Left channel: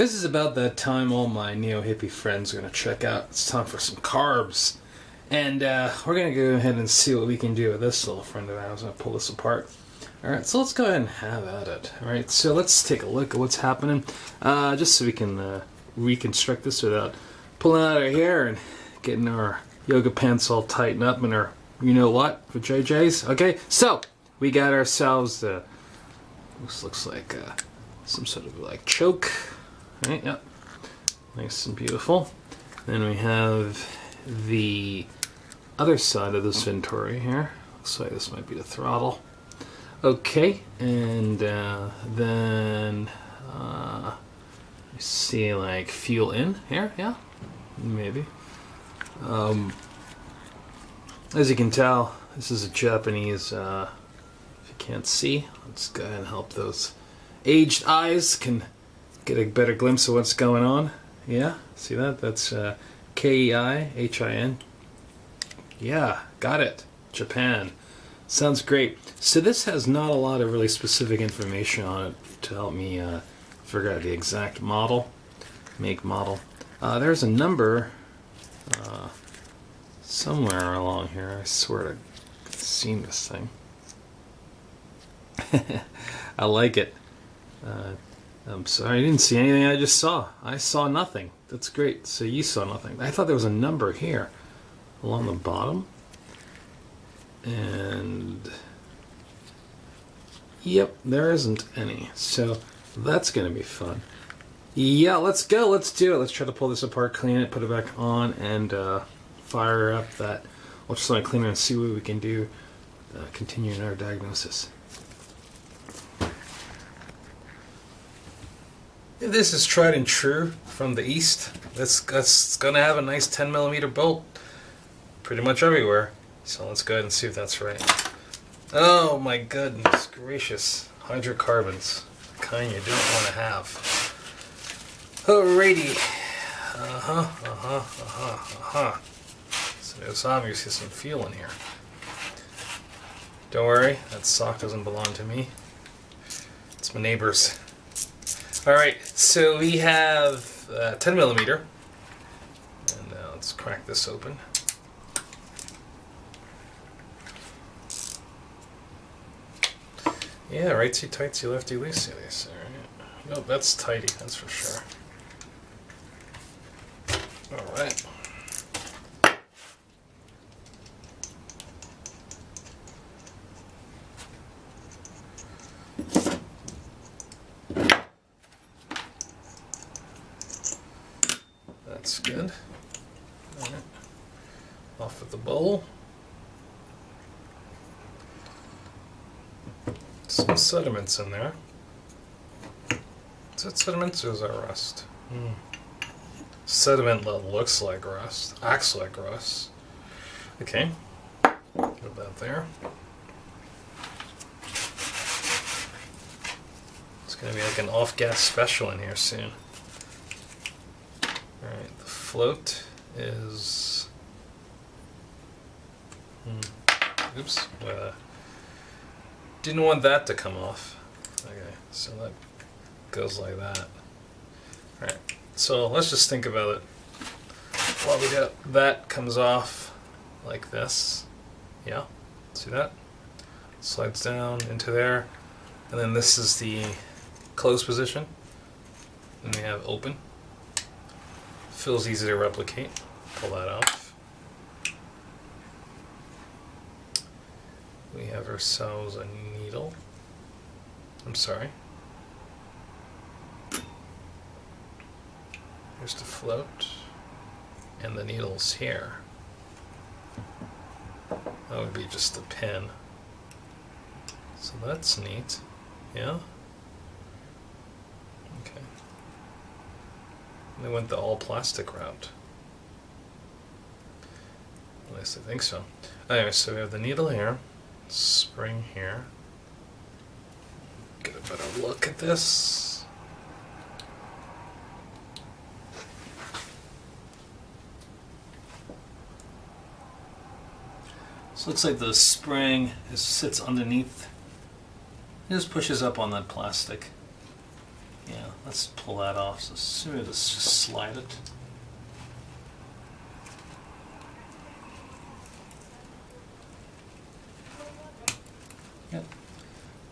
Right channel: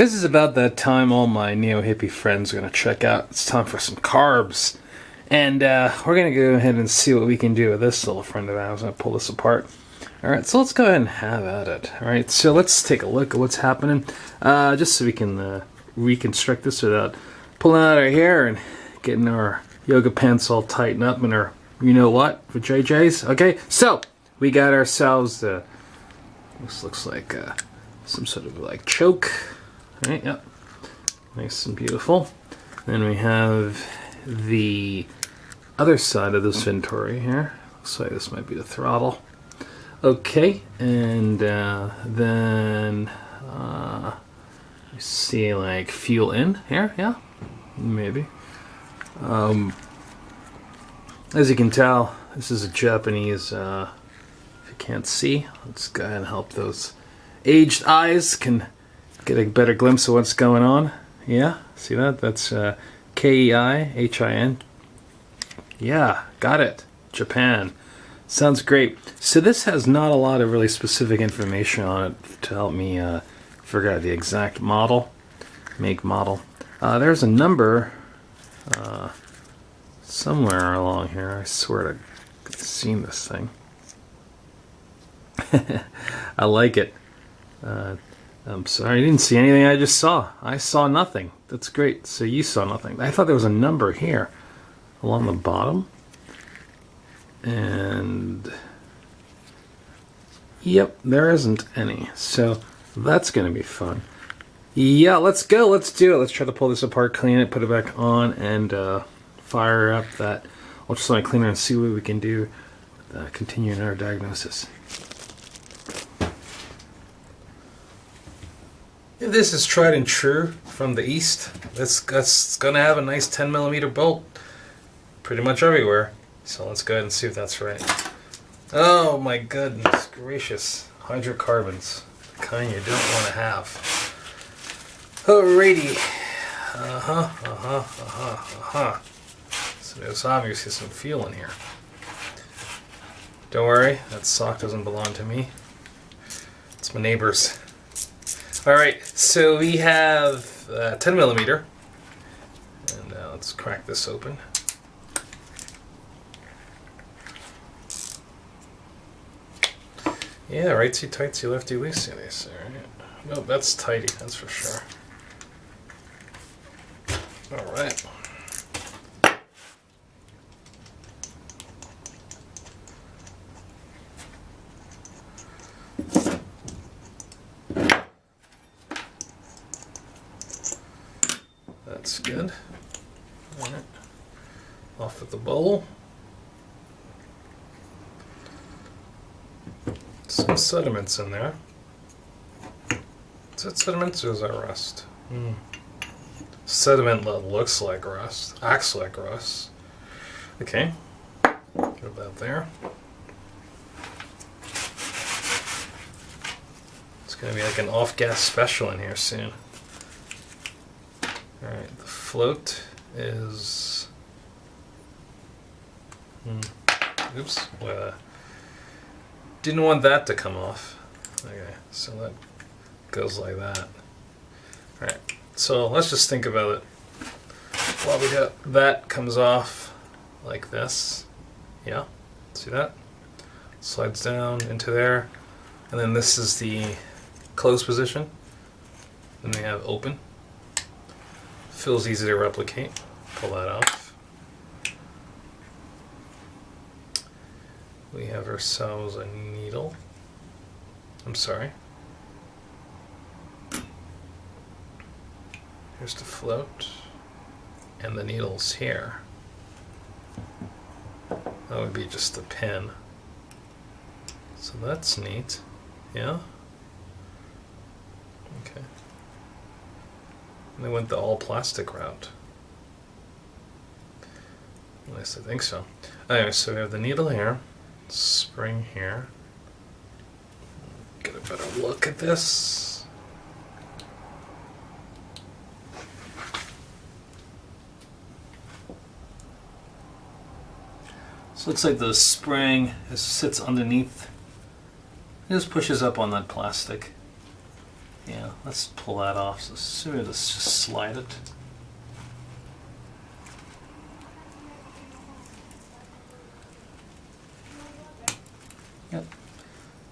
This is about that time all my neo-hippie friends are going to check out. It's time for some carbs. And we're going to go ahead and see what we can do with this little friend of ours. I'm going to pull this apart. Alright, so let's go ahead and have at it. Alright, so let's take a look at what's happening. Just so we can reconstruct this without pulling out our hair and getting our yoga pants all tightened up and our you-know-what for JJ's. Okay, so we got ourselves, this looks like some sort of like choke. Right, yep. Nice and beautiful. Then we have the other side of this Venturi here. Looks like this might be the throttle. Okay, and then you see like fuel in here, yeah? Maybe. As you can tell, this is a Japanese, if you can't see, let's go ahead and help those aged eyes can get a better glimpse of what's going on. Yeah, see that? That's K-E-I-H-I-N. Yeah, got it. Japan. Sounds great. So this has not a lot of really specific information on it to help me figure out the exact model, make model. There's a number somewhere along here. I swear I've seen this thing. I like it. I'm sorry, I didn't see anything I just saw. I saw nothing. That's great. So you saw nothing. I thought there was a number here along the bottom. And yep, there isn't any. So that's going to be fun. Yeah, let's go. Let's do it. Let's try to pull this apart, clean it, put it back on, and fire up that ultrasonic cleaner and see what we can do with continuing our diagnosis. If this is tried and true from the east, that's going to have a nice 10mm bolt pretty much everywhere. So let's go ahead and see if that's right. Oh my goodness gracious. Hydrocarbons. The kind you don't want to have. Alrighty. So there's obviously some fuel in here. Don't worry, that sock doesn't belong to me. It's my neighbor's. Alright, so we have 10mm. And let's crack this open. Yeah, rightsy tightsy, lefty loosey, they say, right? No, that's tighty, that's for sure. Alright. That's good. Alright. Off with the bowl. Some sediments in there. Is that sediments or is that rust? Sediment that looks like rust, acts like rust. Okay, get that there. It's going to be like an off-gas special in here soon. Alright, the float is... Oops. Didn't want that to come off. Okay, so that goes like that. Alright, so let's just think about it. While we do that comes off like this. Yeah, see that? Slides down into there. And then this is the closed position. Then we have open. Feels easy to replicate. Pull that off. We have ourselves a needle. I'm sorry. Here's the float. And the needle's here. That would be just the pin. So that's neat. Yeah? Okay. And they went the all plastic route. At least I think so. Anyway, so we have the needle here. Spring here. Get a better look at this. So it looks like the spring sits underneath. It just pushes up on that plastic. Yeah, let's pull that off. So let's just slide it. Yep,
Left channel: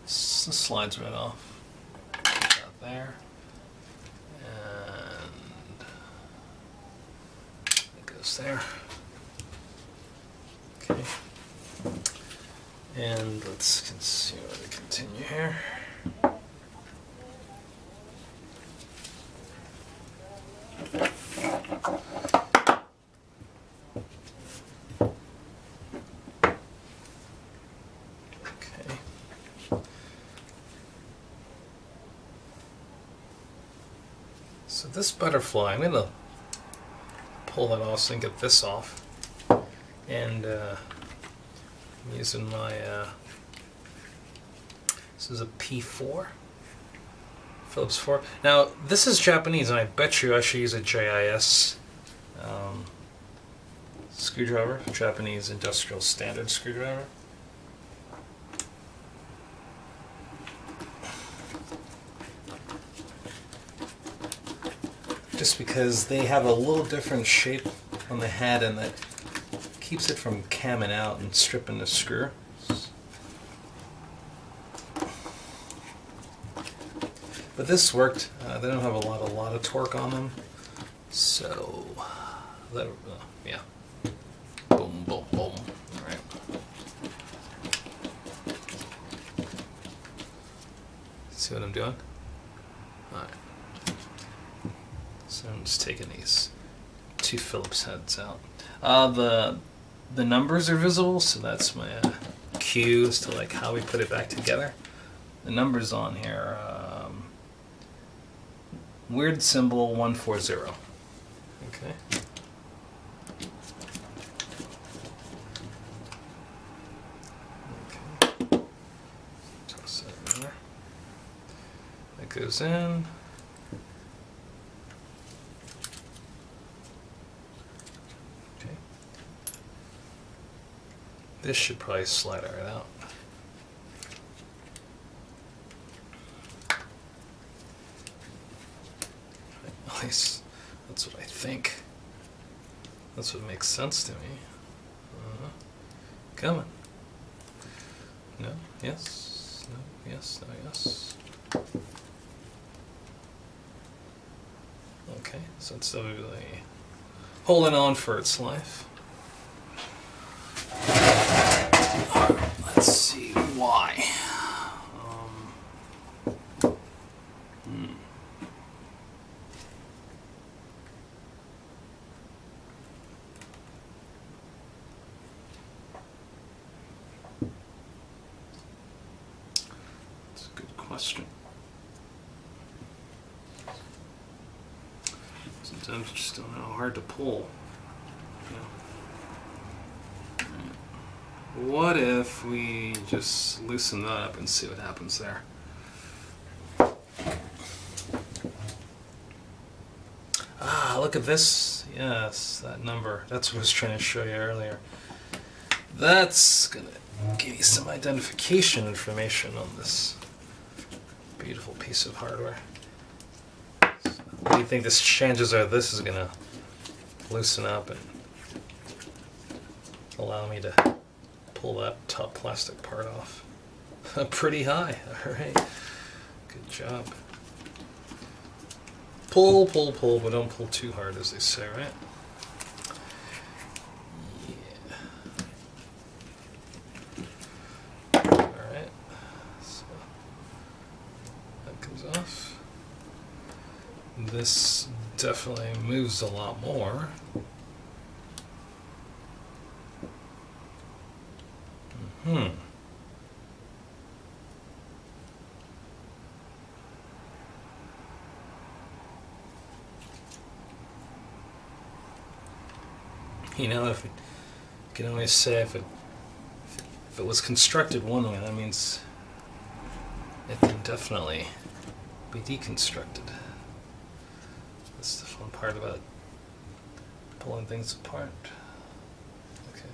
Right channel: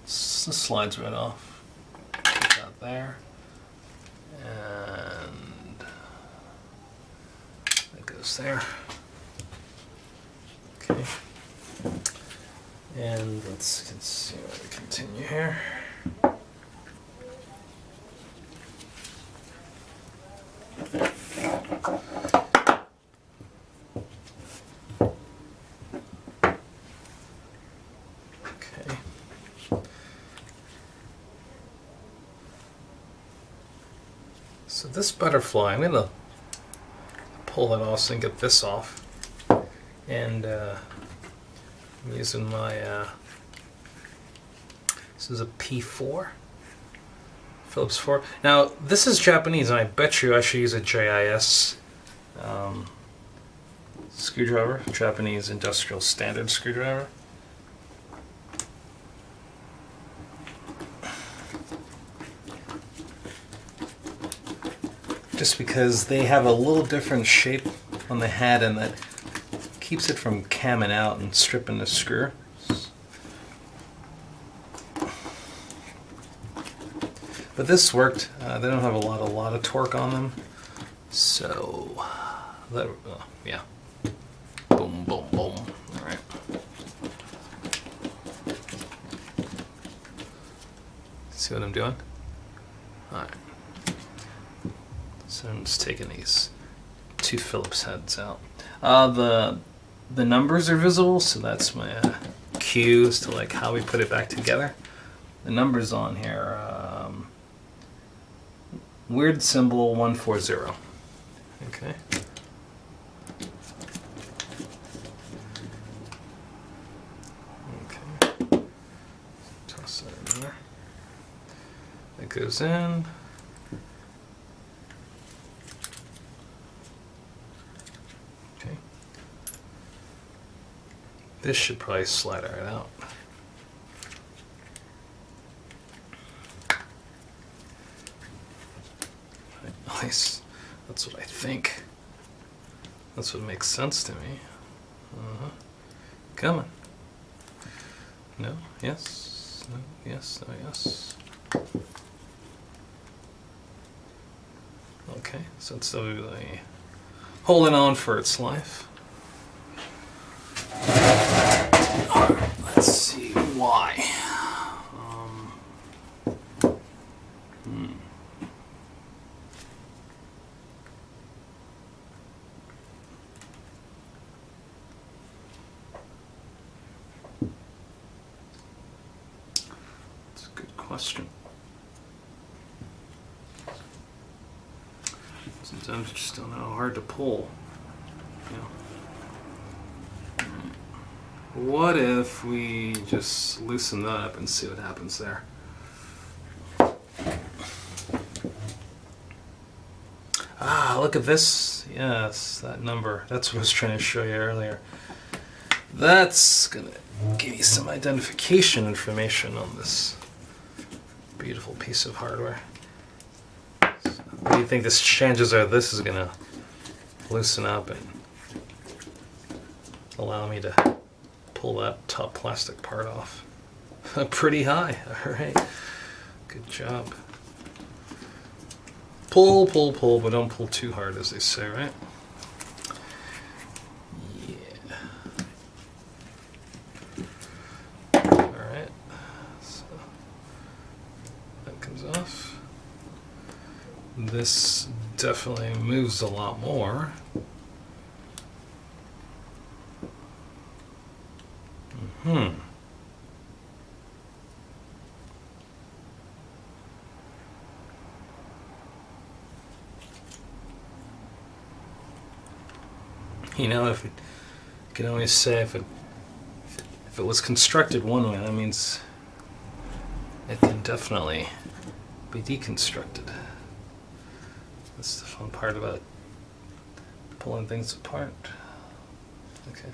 this slides right off. Put that there, and that goes there. Okay, and let's continue here. So this butterfly, I'm going to pull that off and get this off. And I'm using my, this is a P4, Phillips 4. Now, this is Japanese, and I bet you I should use a JIS screwdriver, Japanese industrial standard screwdriver. Just because they have a little different shape on the head, and that keeps it from camming out and stripping the screw. But this worked. They don't have a lot of torque on them, so that yeah. Boom, boom, boom. All right. See what I'm doing? All right. So I'm just taking these two Phillips heads out. The numbers are visible, so that's my cue as to like how we put it back together. The numbers on here, weird symbol 140. Okay. Okay. Toss that in there. That goes in. This should probably slide right out. At least that's what I think. That's what makes sense to me. Come on. No, yes, no, yes, no, yes. Okay, so it's really holding on for its life. Let's see why. That's a good question. Sometimes you just don't know how hard to pull. You know. What if we just loosen that up and see what happens there? Ah, look at this. Yes, that number. That's what I was trying to show you earlier. That's going to give you some identification information on this beautiful piece of hardware. So, what do you think this chances are this is going to loosen up and allow me to pull that top plastic part off? Pretty high. All right. Good job. Pull, pull, pull, but don't pull too hard, as they say, right? Yeah. All right. So that comes off. This definitely moves a lot more. You know, if it, you can always say if it was constructed one way, that means it can definitely be deconstructed. That's the fun part about pulling things apart. Okay.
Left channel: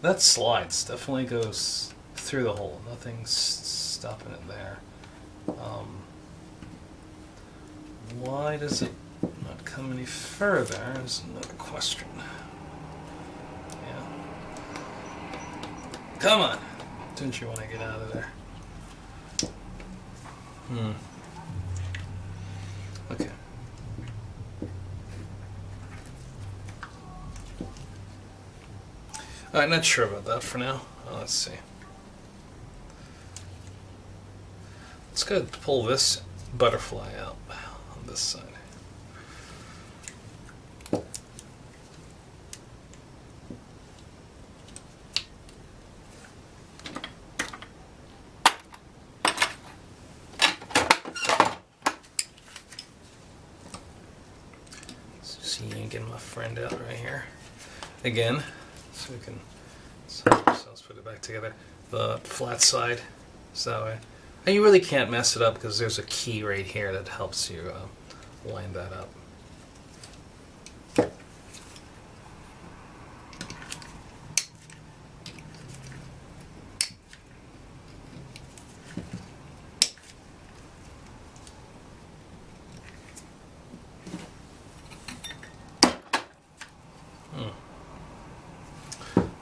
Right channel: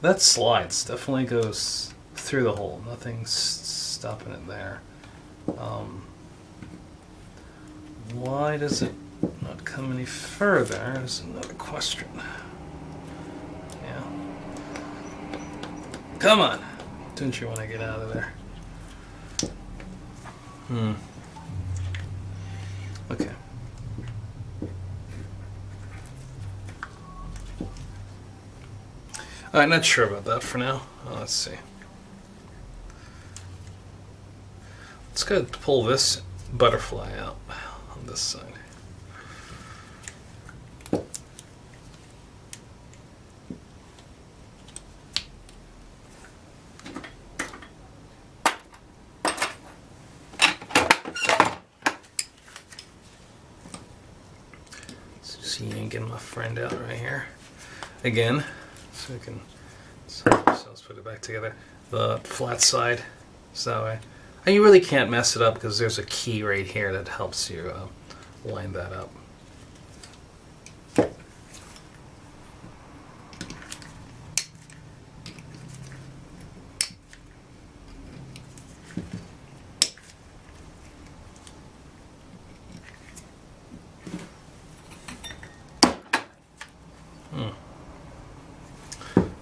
That slides, definitely goes through the hole. Nothing's stopping it there. why does it not come any further is another question. Yeah. Come on! Didn't you want to get out of there? Okay. I'm not sure about that for now. Let's see. Let's go pull this butterfly out on this side. See, getting my friend out right here again, so we can. So let's put it back together. The flat side, so that way. And you really can't mess it up because there's a key right here that helps you line that up.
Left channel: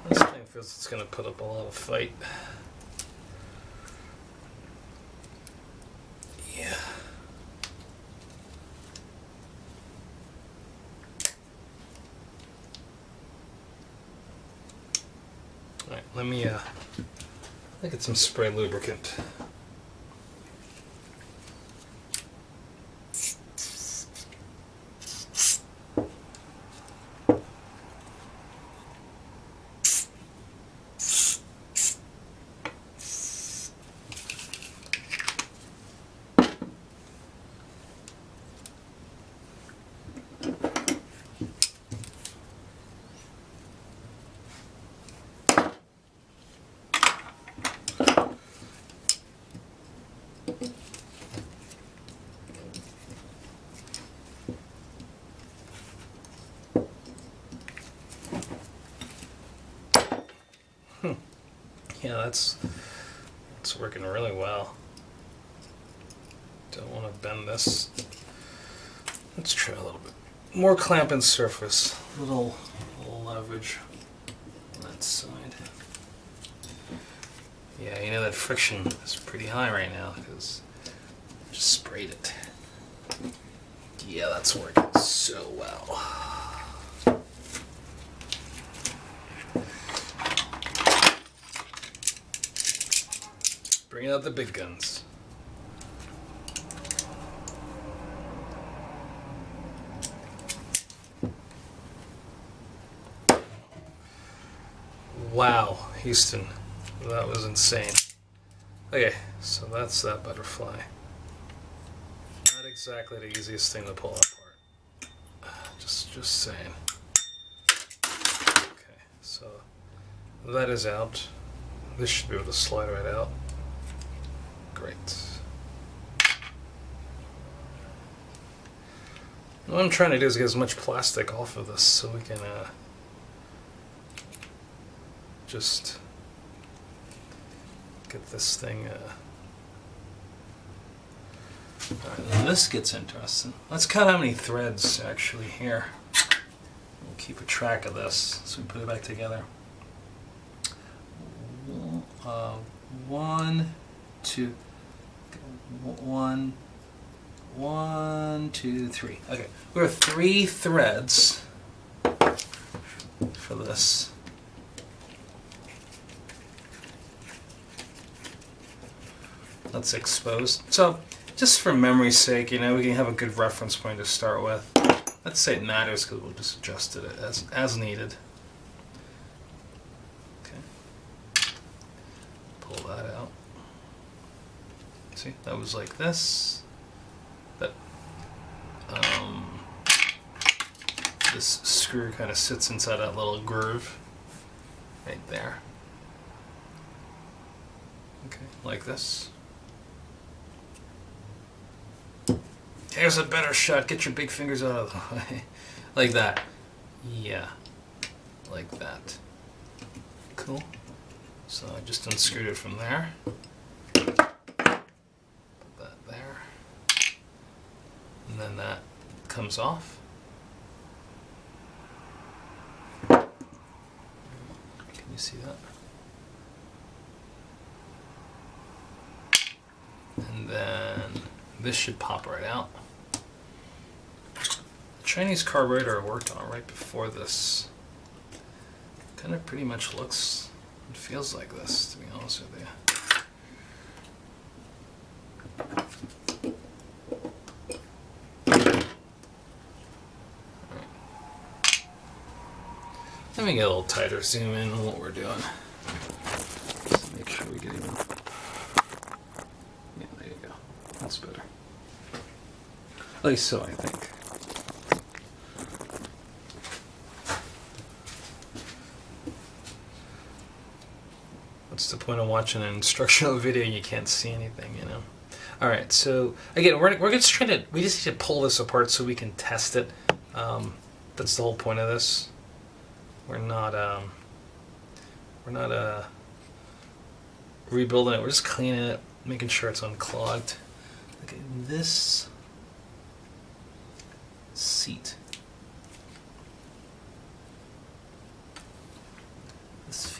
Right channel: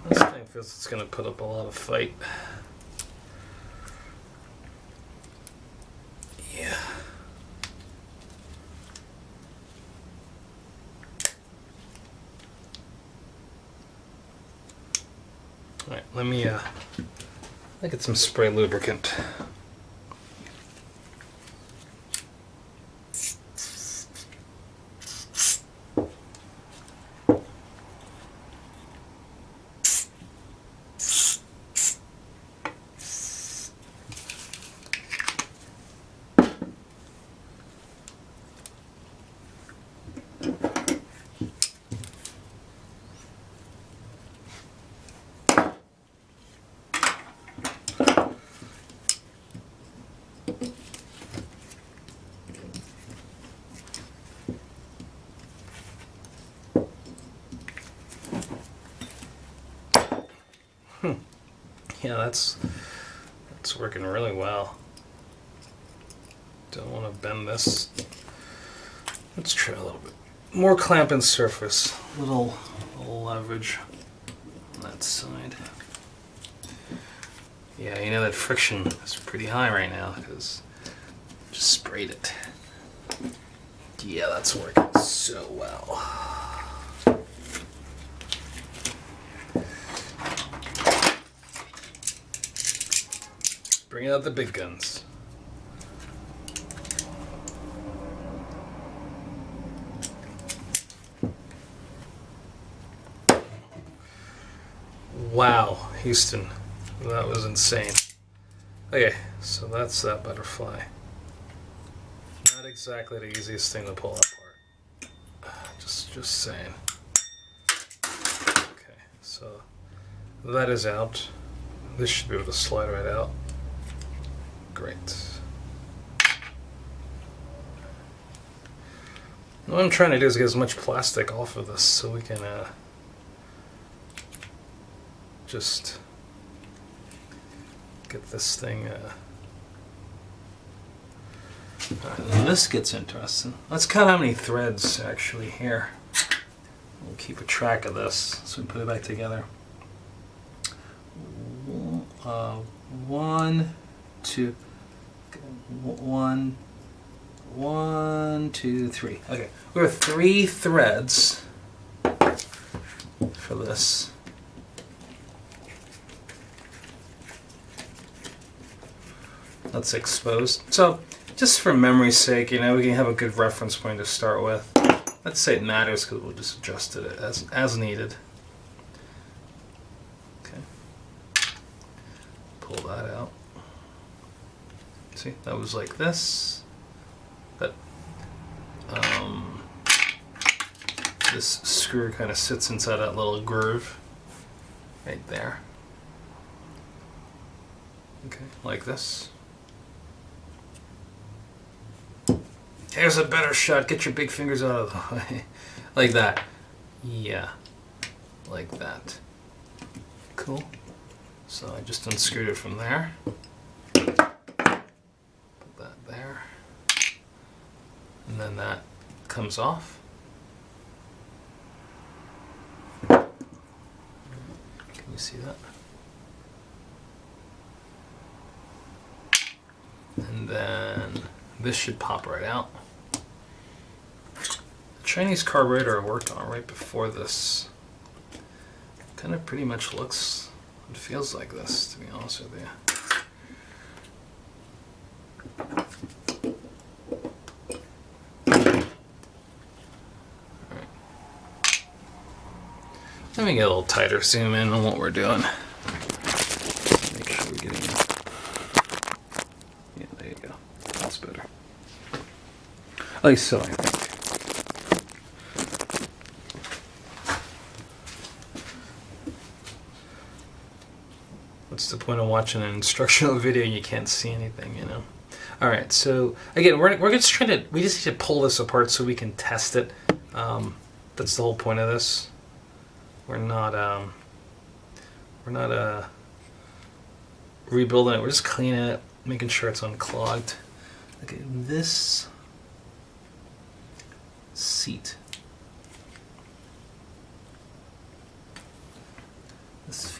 This thing feels it's going to put up a lot of fight. Yeah. All right, let me get some spray lubricant. Yeah, that's working really well. Don't want to bend this. Let's try a little bit more clamping surface. Little leverage on that side. Yeah, you know that friction is pretty high right now because I just sprayed it. Yeah, that's working so well. Bring out the big guns. Wow, Houston, that was insane. Okay, so that's that butterfly. Not exactly the easiest thing to pull apart. Just saying. Okay, so that is out. This should be able to slide right out. Great. What I'm trying to do is get as much plastic off of this so we can just get this thing. Alright, this gets interesting. Let's count how many threads actually here. We'll keep a track of this so we put it back together. 1, 2. 1, 2, 3. Okay, we have 3 threads for this. That's exposed. So, just for memory's sake, you know, we can have a good reference point to start with. Let's say it matters because we'll just adjust it as needed. Okay. Pull that out. See, that was like this. That this screw kind of sits inside that little groove right there. Okay, like this. Here's a better shot. Get your big fingers out of the way. Like that. Yeah. Like that. Cool. So I just unscrewed it from there. Put that there. And then comes off. Can you see that? And then this should pop right out. The Chinese carburetor I worked on right before this kind of pretty much looks and feels like this, to be honest with you. Alright. Let me get a little tighter zoom in on what we're doing. Just make sure we're getting in. Yeah, there you go. That's better. At least so, I think. What's the point of watching an instructional video and you can't see anything, you know? All right, so again, we're just trying to, we just need to pull this apart so we can test it. That's the whole point of this. We're not rebuilding it. We're just cleaning it, making sure it's unclogged. Okay, this seat. This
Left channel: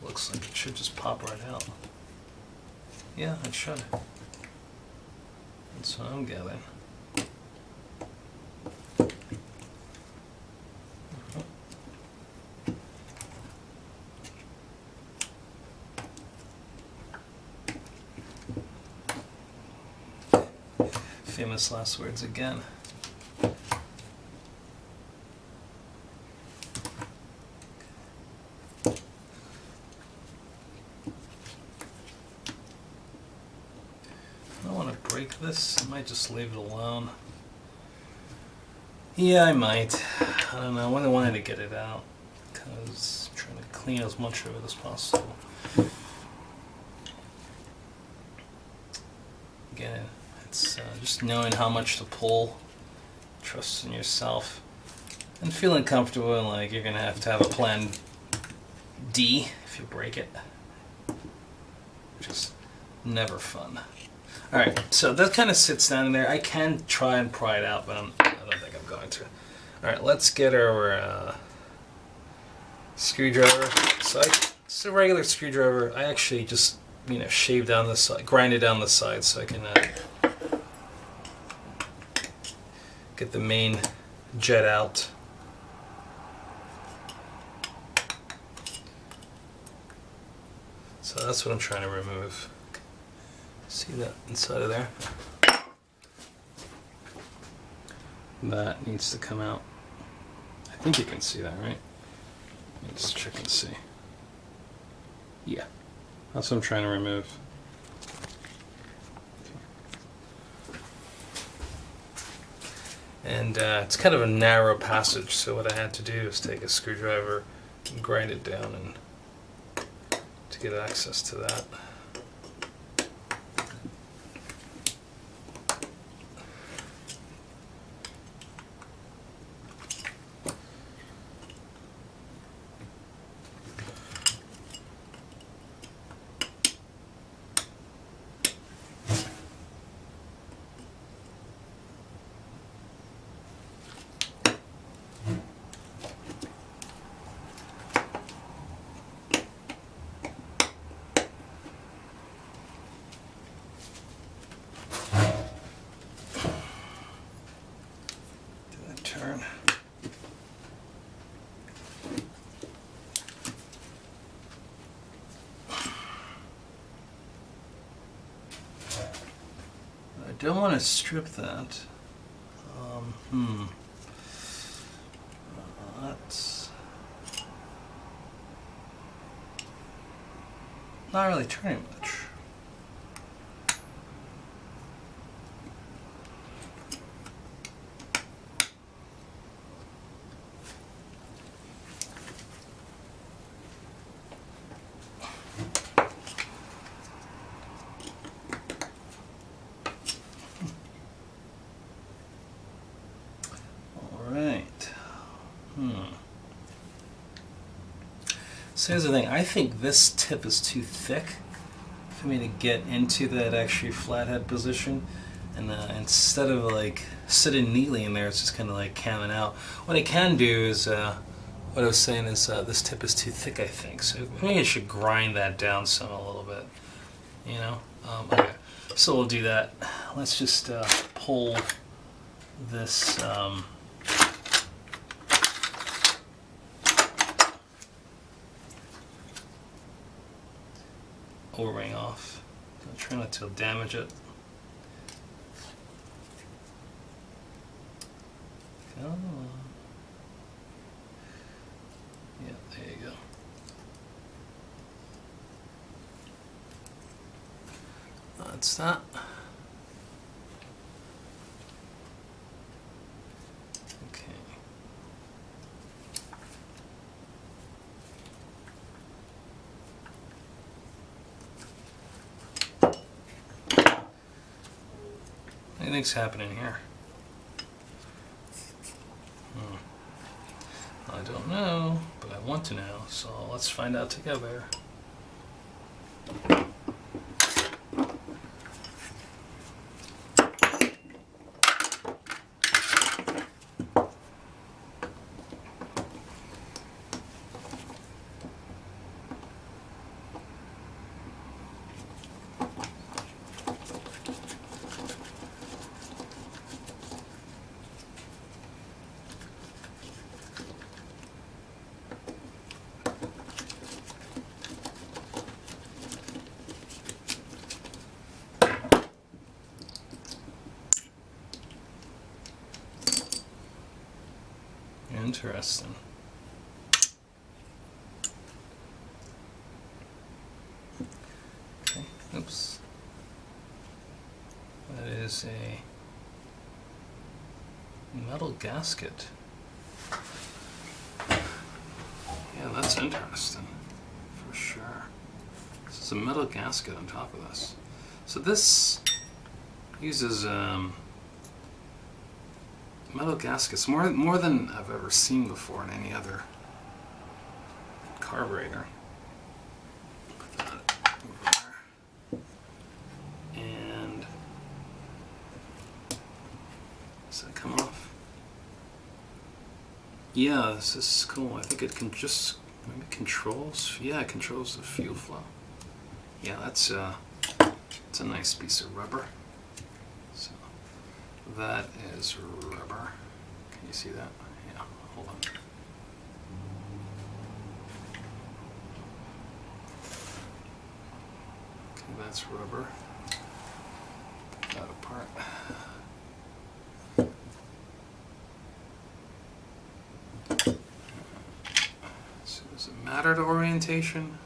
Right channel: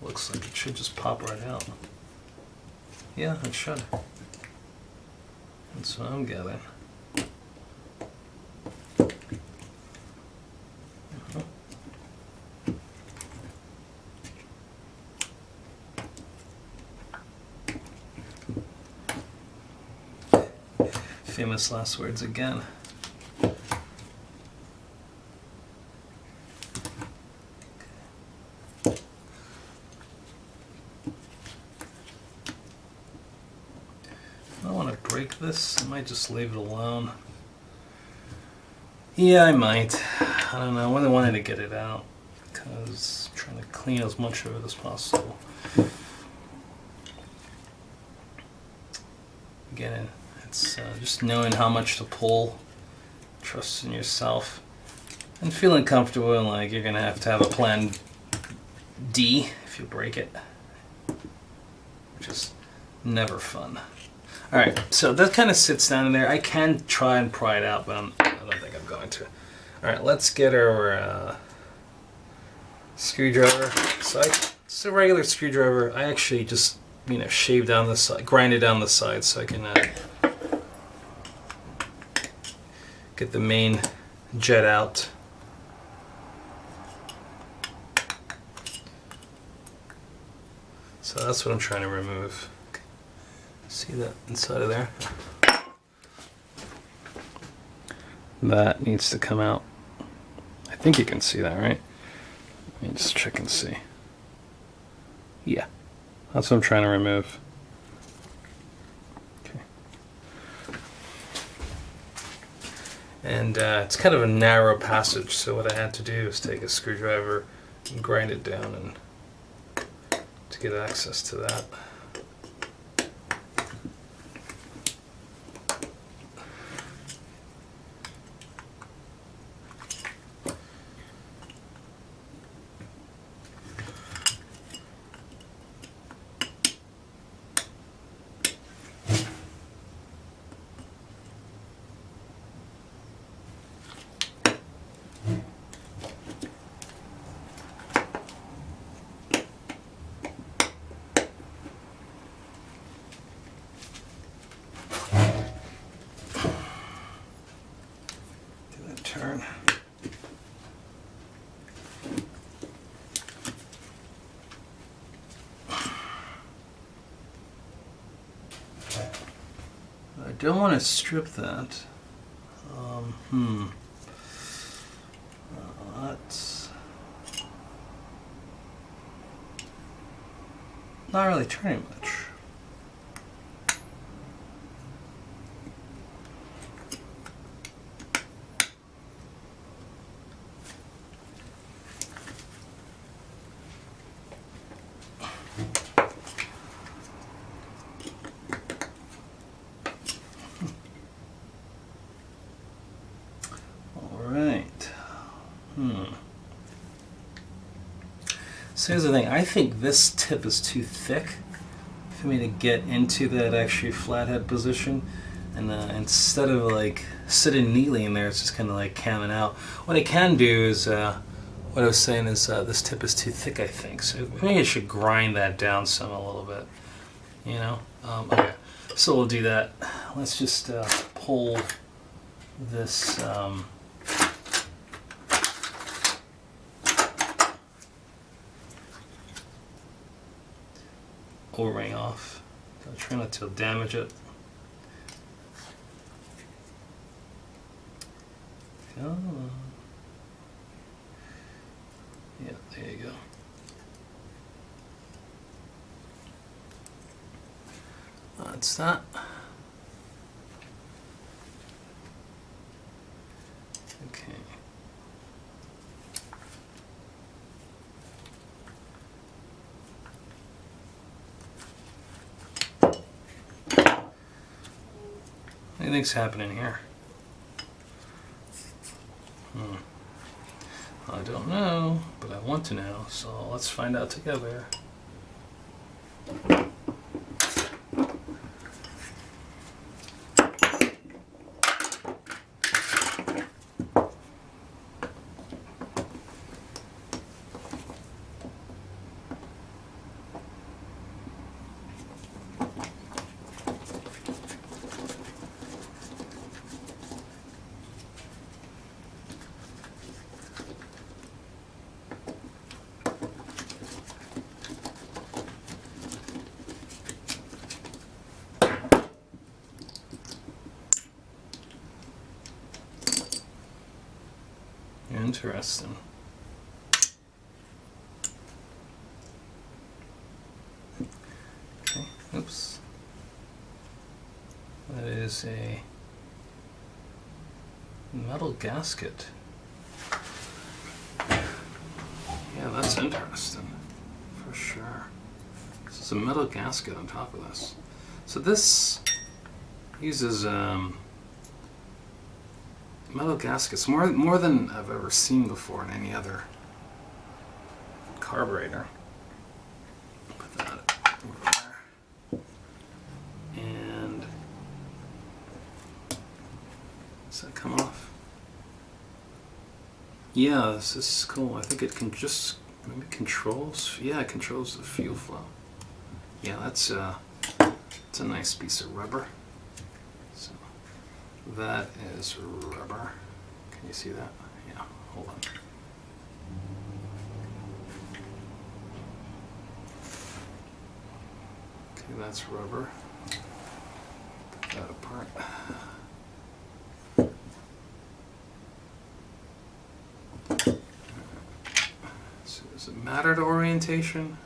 looks like it should just pop right out. Yeah, it should. That's what I'm gathering. Famous last words again. This, I might just leave it alone. Yeah, I might. I don't know. I really wanted to get it out because I'm trying to clean as much of it as possible. Again, it's just knowing how much to pull, trust in yourself, and feeling comfortable and like you're gonna have a plan D if you break it, which is never fun. Alright, so that kind of sits down in there. I can try and pry it out, but I don't think I'm going to. Alright, let's get our screwdriver. So it's a regular screwdriver. I actually just, shave down the side, grind it down the side so I can get the main jet out. So that's what I'm trying to remove. See that inside of there? That needs to come out. I think you can see that, right? Let me just check and see. Yeah, that's what I'm trying to remove. Okay. And it's kind of a narrow passage, so what I had to do is take a screwdriver and grind it down and to get access to that. Turn. I don't want to strip that. That's not really turning much. So here's the thing, I think this tip is too thick for me to get into that actually flathead position, And instead of like sitting neatly in there, it's just kind of like camming out. What I can do is, what I was saying is this tip is too thick, I think. So maybe I should grind that down some a little bit. You know? Okay, so we'll do that. Let's just pull this O-ring off. I'll try not to damage it. Come on. Yeah, there you go. That's that. Okay. What do you think's happening here? I don't know, but I want to know, so let's find out together. Interesting. Okay, oops. That is a metal gasket. Yeah, that's interesting, for sure. This is a metal gasket on top of this. So this uses metal gaskets more than I've ever seen before in any other carburetor. Put that over there. And does that come off? Yeah, this is cool. I think it can just maybe controls. Yeah, it controls the fuel flow. Yeah, that's it's a nice piece of rubber. So that is rubber. Can you see that? Yeah, hold on. Okay, that's rubber. Put that apart. So does it matter to orientation?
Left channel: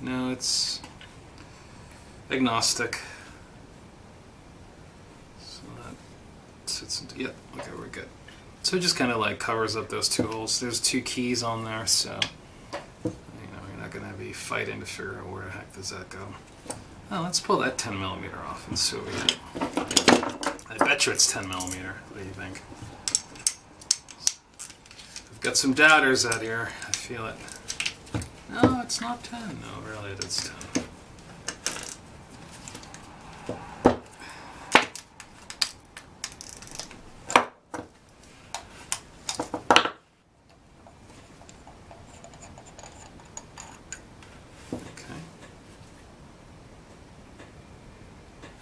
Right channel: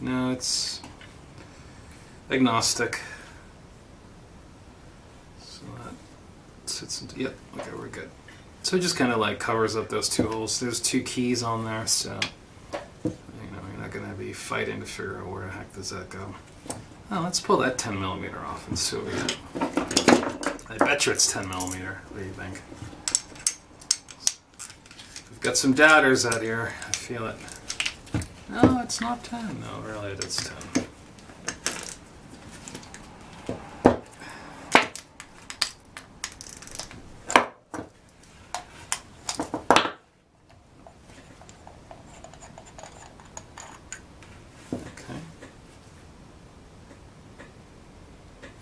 No, it's agnostic. So that sits into, yep, okay, we're good. So it just kind of like covers up those two holes. There's two keys on there, so you know, you're not going to be fighting to figure out where the heck does that go. Oh, let's pull that 10 millimeter off and see what we get. I bet you it's 10 millimeter. What do you think? We've got some doubters out here. I feel it. No, it's not 10. No, really, it is 10. Okay.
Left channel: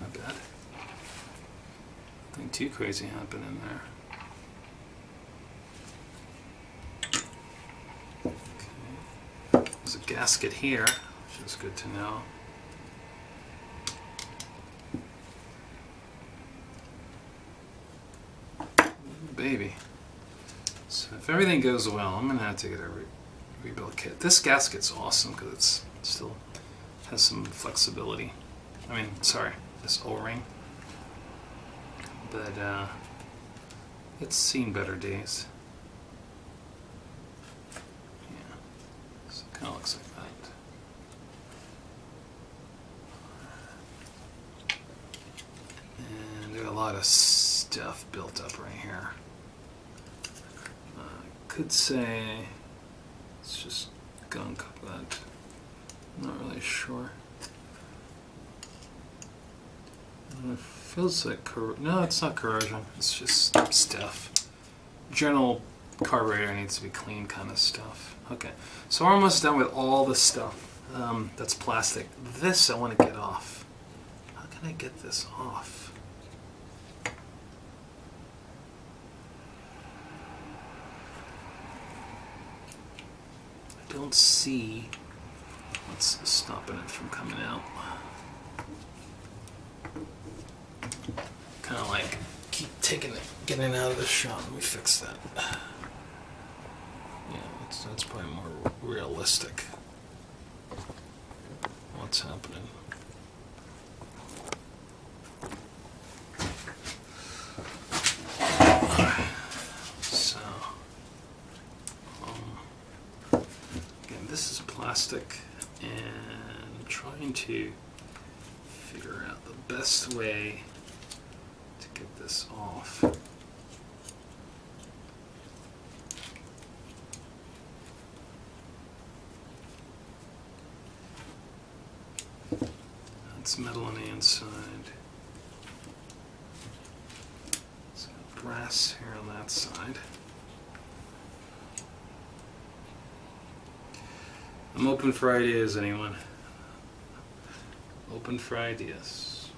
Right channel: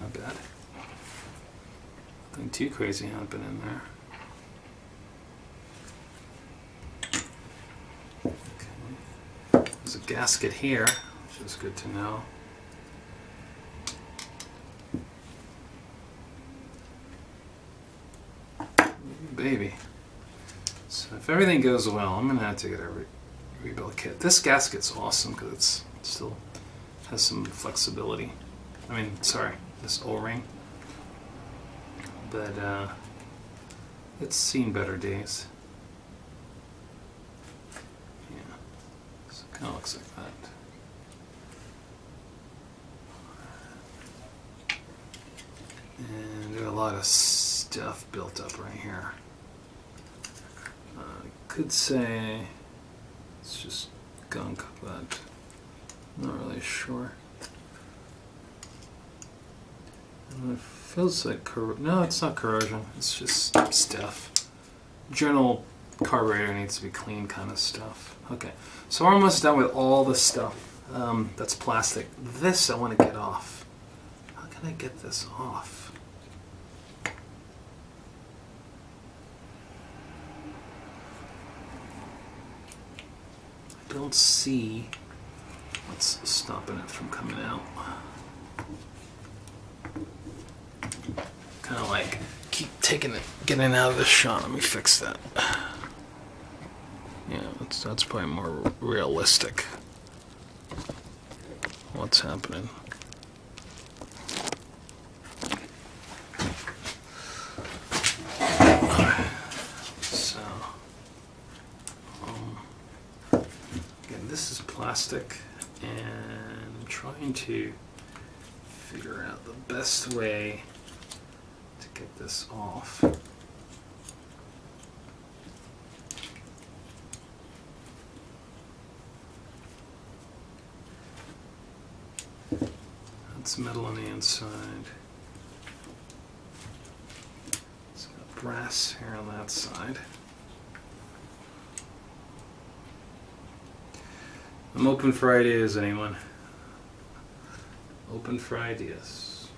Not bad. Nothing too crazy happening there. There's a gasket here, which is good to know. Ooh, baby. So if everything goes well, I'm going to have to get a rebuild kit. This gasket's awesome because it still has some flexibility. I mean, sorry, this O-ring. But it's seen better days. Kind of looks like that. And there's a lot of stuff built up right here. I could say it's just gunk, but I'm not really sure. It feels like no, it's not corrosion. It's just stuff. General carburetor needs to be clean kind of stuff. Okay, so we're almost done with all the stuff that's plastic. This I want to get off. How can I get this off? I don't see what's stopping it from coming out. Kind of like keep taking it, getting it out of the shot. Let me fix that. Yeah, that's probably more realistic. What's happening? So, again, this is plastic, and I'm trying to figure out the best way to get this off. That's metal on the inside. It's got brass here on that side. I'm open for ideas, anyone? Open for ideas.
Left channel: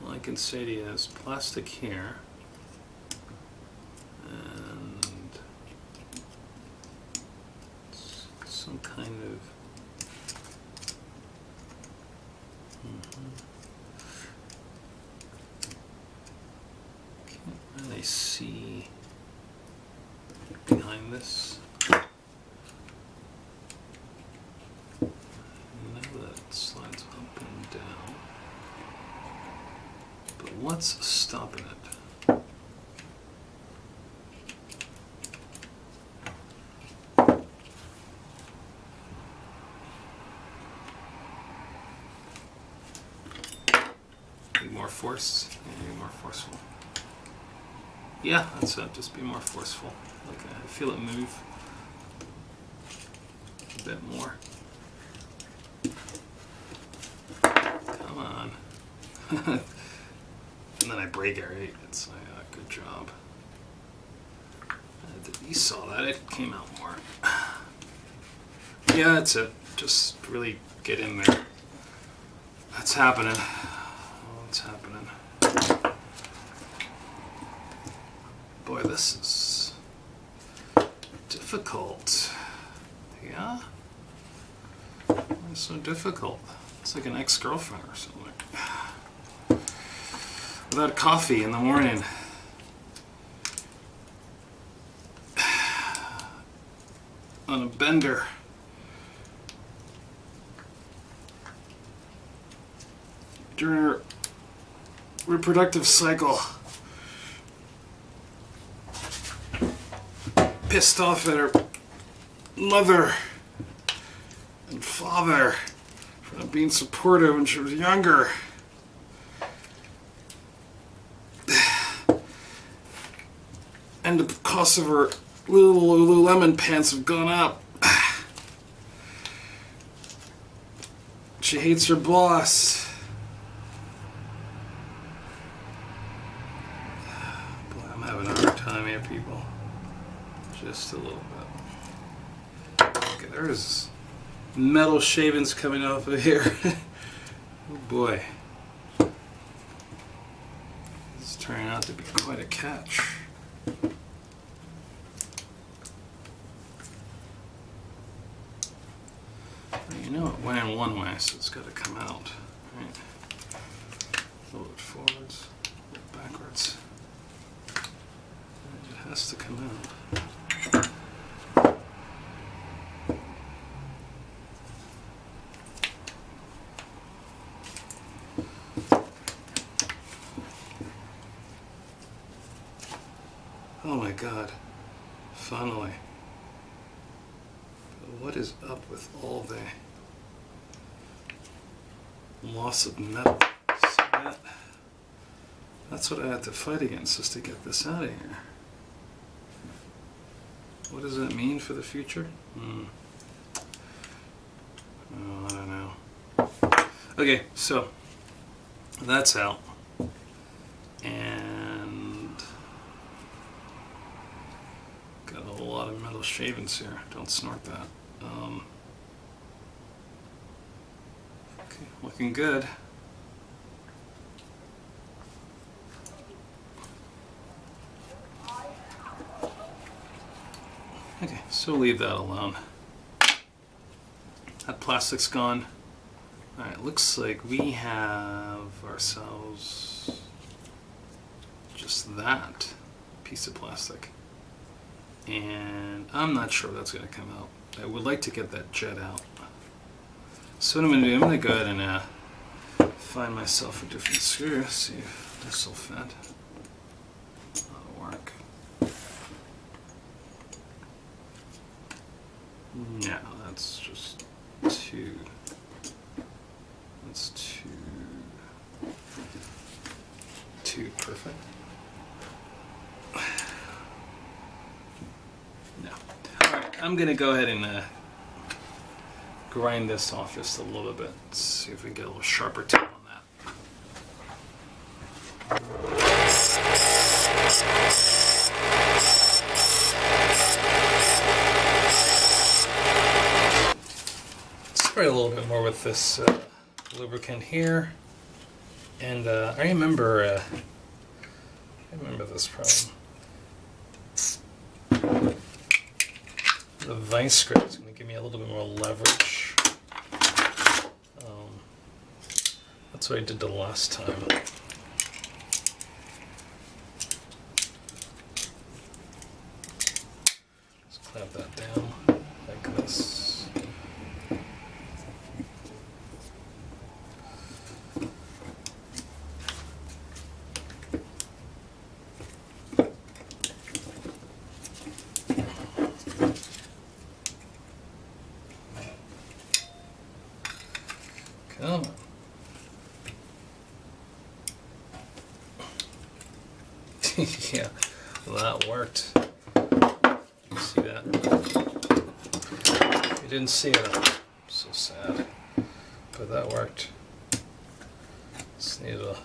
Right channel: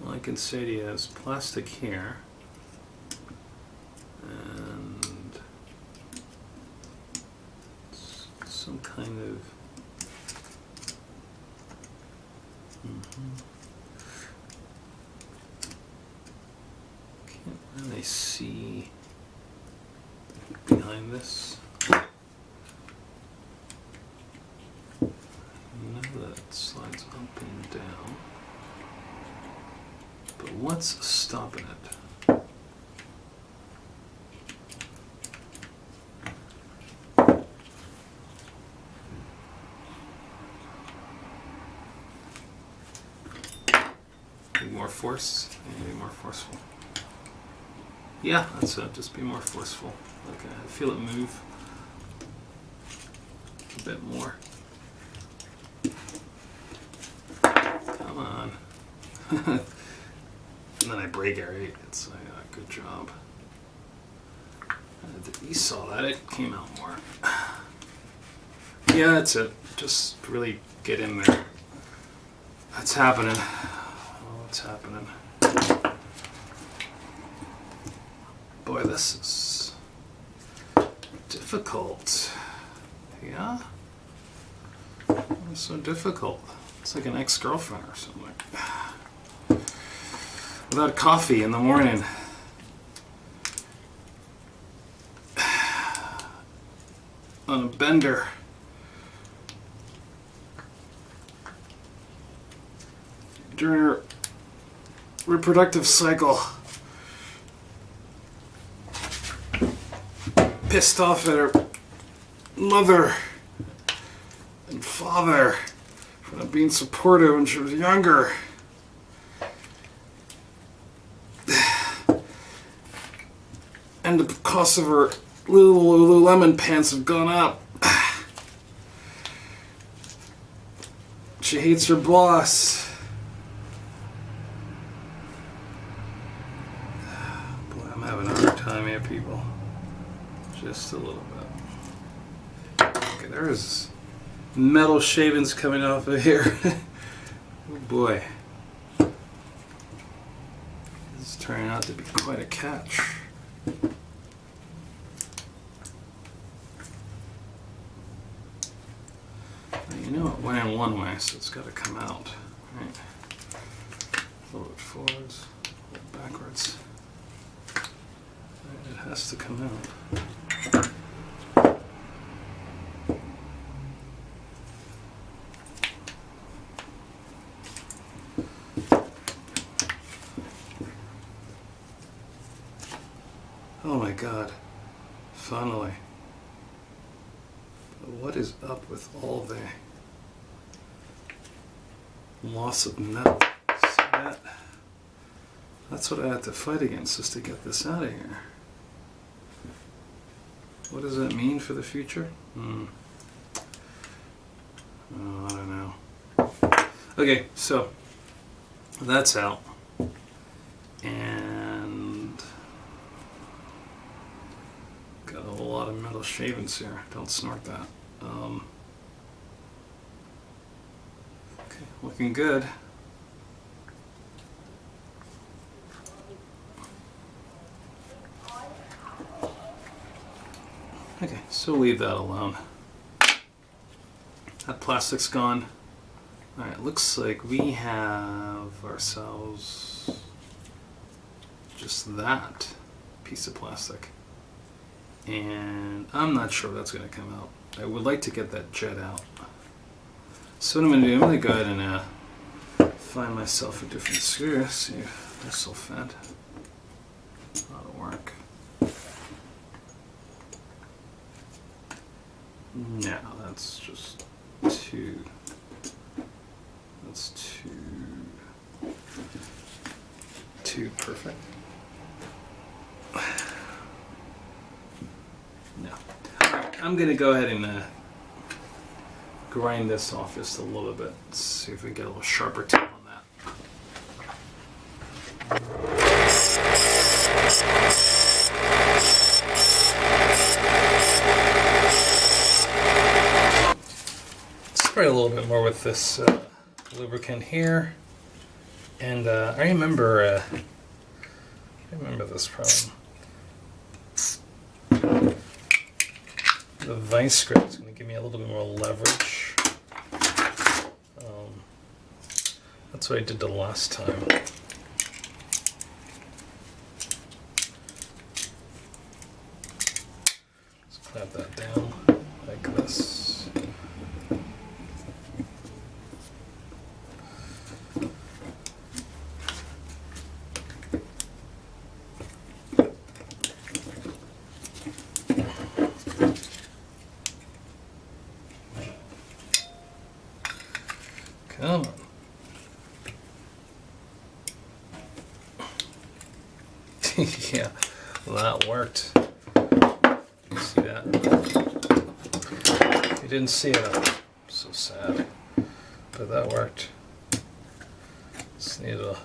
Well, I can say to you, there's plastic here, and it's some kind of can't really see behind this. I know that it slides up and down, but what's stopping it? Need more force? Maybe more forceful. Yeah, that's it. Just be more forceful. Okay, I feel it move a bit more. Come on. And then I break it, right? It's like, good job. You saw that. It came out more. Yeah, that's it. Just really get in there. That's happening. Oh, what's happening? Boy, this is difficult. Yeah? Why is it so difficult? It's like an ex-girlfriend or something. Without coffee in the morning. On a bender. During her reproductive cycle. Pissed off at her mother and father for not being supportive when she was younger. And the cost of her Lululemon pants have gone up. She hates her boss. Boy, I'm having a hard time here, people. Just a little bit. Okay, there's metal shavings coming off of here. Oh boy. This is turning out to be quite a catch. Well, you know it went in one way, so it's got to come out. Right? A little bit forwards, a little backwards. It has to come out. Oh my God, finally. But what is up with all the loss of metal? See that? That's what I had to fight against, just to get this out of here. What does that mean for the future? Oh, I don't know. Okay, so that's out. And got a whole lot of metal shavings here. Don't snort that. Okay, looking good. Okay, so leave that alone. That plastic's gone. Alright, looks like we have ourselves just that piece of plastic. And I'm not sure that's going to come out. I would like to get that jet out. So what I'm going to do, I'm going to go ahead and find myself a different screw. See if this will fit. That'll work. No, that's just too. That's too perfect. No. Alright, I'm gonna go ahead and grind this off just a little bit. See if we can get a little sharper tip on that. Spray a little bit more with this lubricant here, and I remember this problem. The vice grip is going to give me a little bit more leverage. That's what I did the last time. Just clamp that down like this. Come on. Yeah, well, that worked. You see that? If you didn't see it, I'm so sad. But that worked. Just need to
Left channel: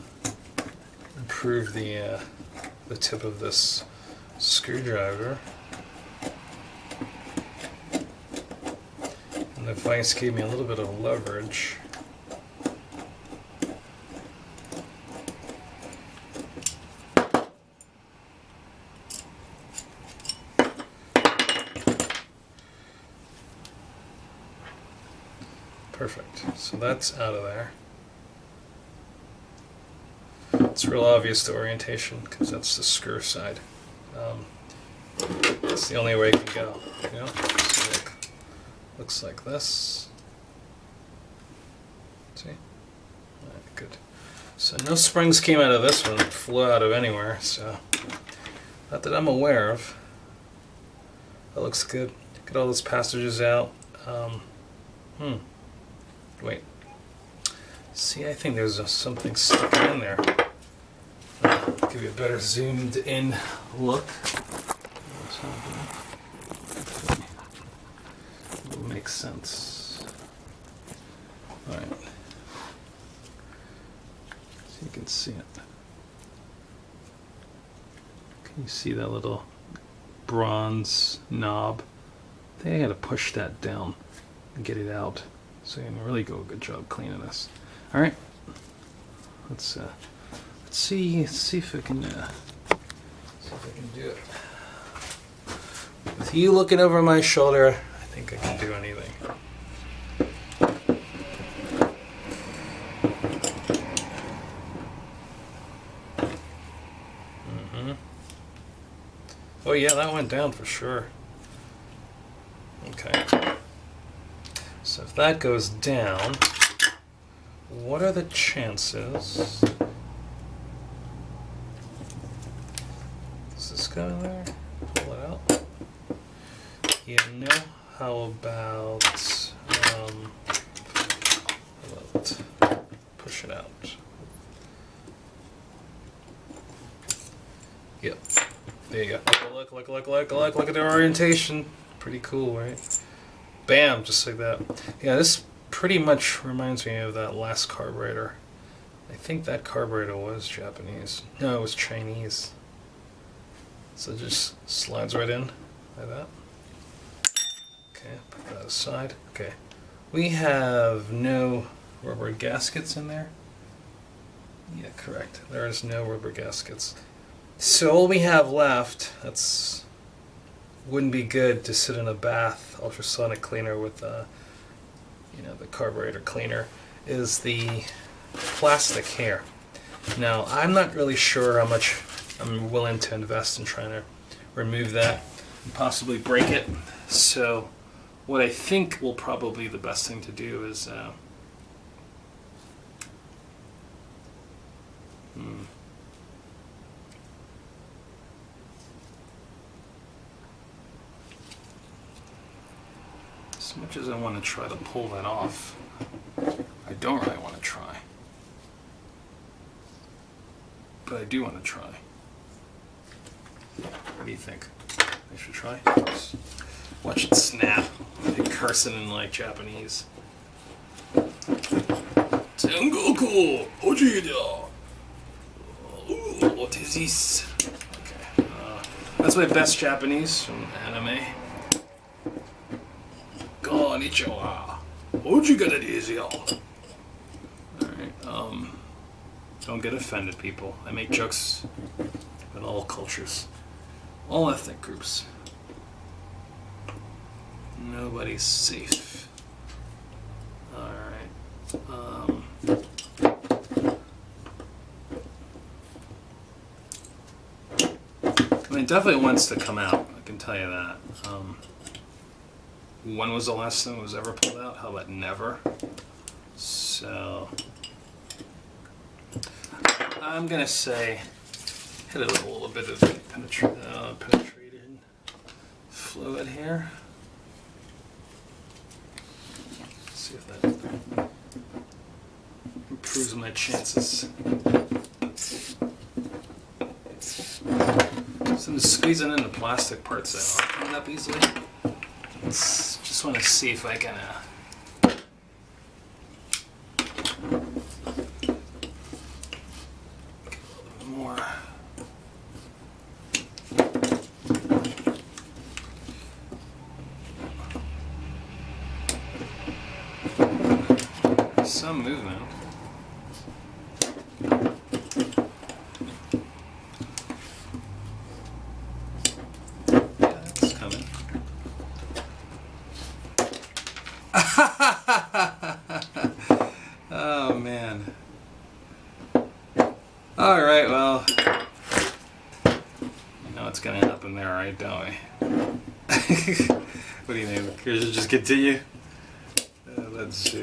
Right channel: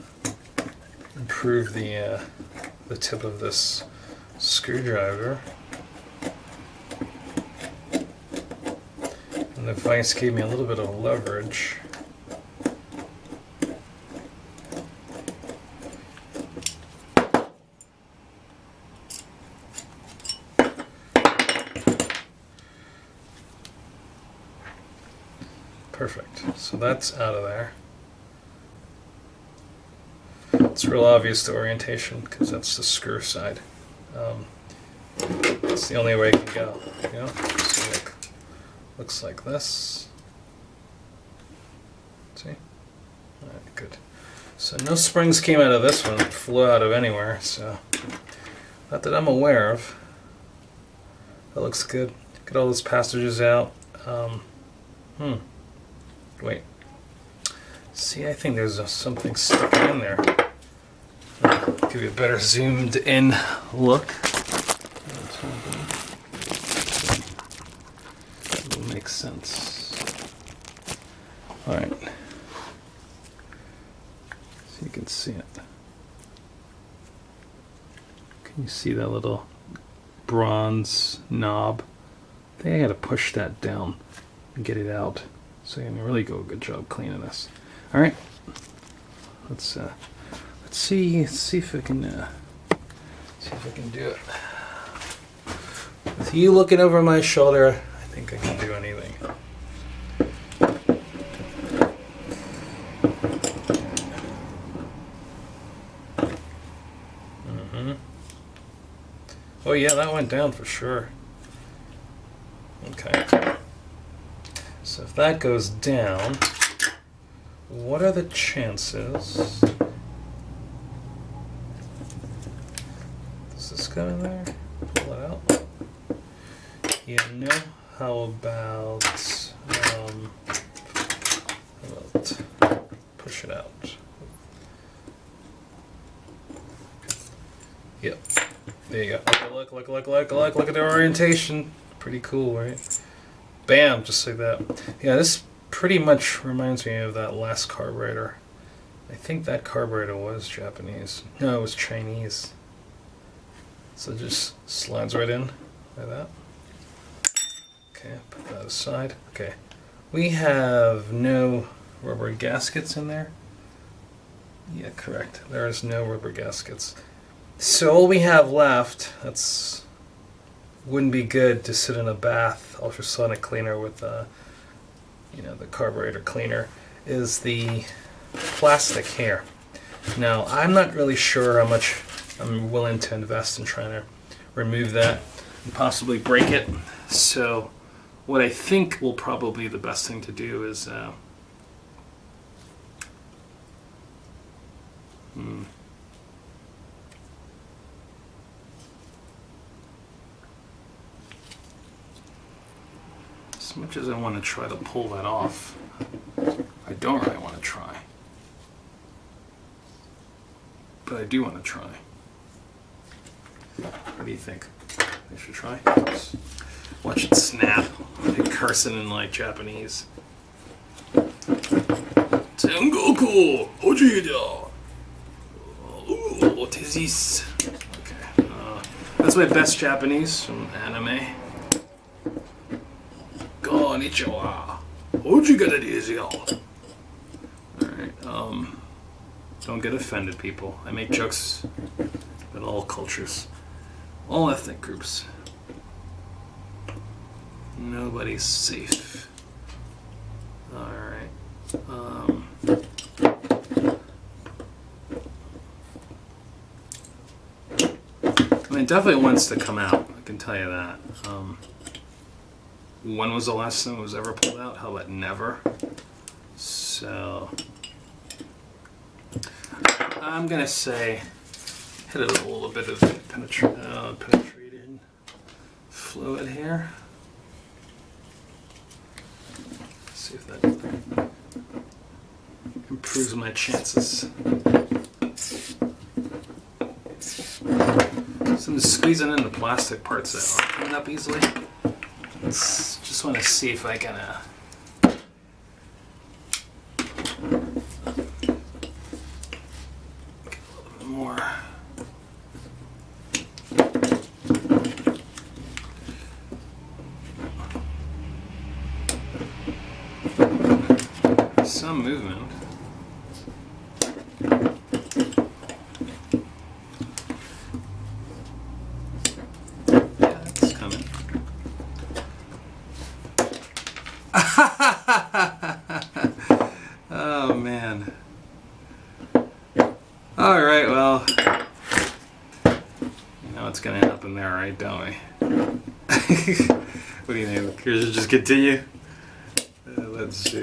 improve the tip of this screwdriver. And the vise gave me a little bit of leverage. Perfect. So that's out of there. It's real obvious the orientation because that's the screw side. That's the only way it can go. You know? So looks like this. See? Alright, good. So no springs came out of this one. It flew out of anywhere. So not that I'm aware of. That looks good. Get all those passages out. Wait. See, I think there's something stuck in there. Give you a better zoomed in look. It'll make sense. Alright. So you can see it. Can you see that little bronze knob? I think I gotta push that down and get it out. So you can really go a good job cleaning this. All right, let's see if I can do it. With you looking over my shoulder, I think I can do anything. Oh yeah, that went down for sure. Okay. So if that goes down, what are the chances? Does this go in there? Pull it out? Yeah, no. How about push it out? Yep. There you go. Look at the orientation. Pretty cool, right? Bam, just like that. Yeah, this pretty much reminds me of that last carburetor. I think that carburetor was Japanese. No, it was Chinese. So it just slides right in like that. Okay, put that aside. Okay. We have no rubber gaskets in there. Yeah, correct. There is no rubber gaskets. So all we have left, that's wouldn't be good to sit in a bath ultrasonic cleaner with the carburetor cleaner, is the plastic here. Now, I'm not really sure how much I'm willing to invest in trying to remove that and possibly break it. So what I think will probably be the best thing to do is as much as I want to try to pull that off, I don't really want to try. But I do want to try. What do you think? I should try? Watch it snap. They cursing in like Japanese. Tengoku! Ojida! What is this? Okay. That's my best Japanese from anime. Konnichiwa. Ojigata desu yo. Alright, don't get offended, people. I make jokes about all cultures, all ethnic groups. Nobody's safe. Alright. I mean, it definitely wants to come out, I can tell you that. When was the last time it was ever pulled out? How about never? So I'm gonna say hit it a little bit of penetrated fluid here. See if that improves my chances. So I'm just squeezing in the plastic parts that aren't coming up easily. Just want to see if I can get a little bit more. Some movement. Oh man. Alright, well, you know what's gonna happen there, right, don't we? What do you think? Should just continue? Let's see.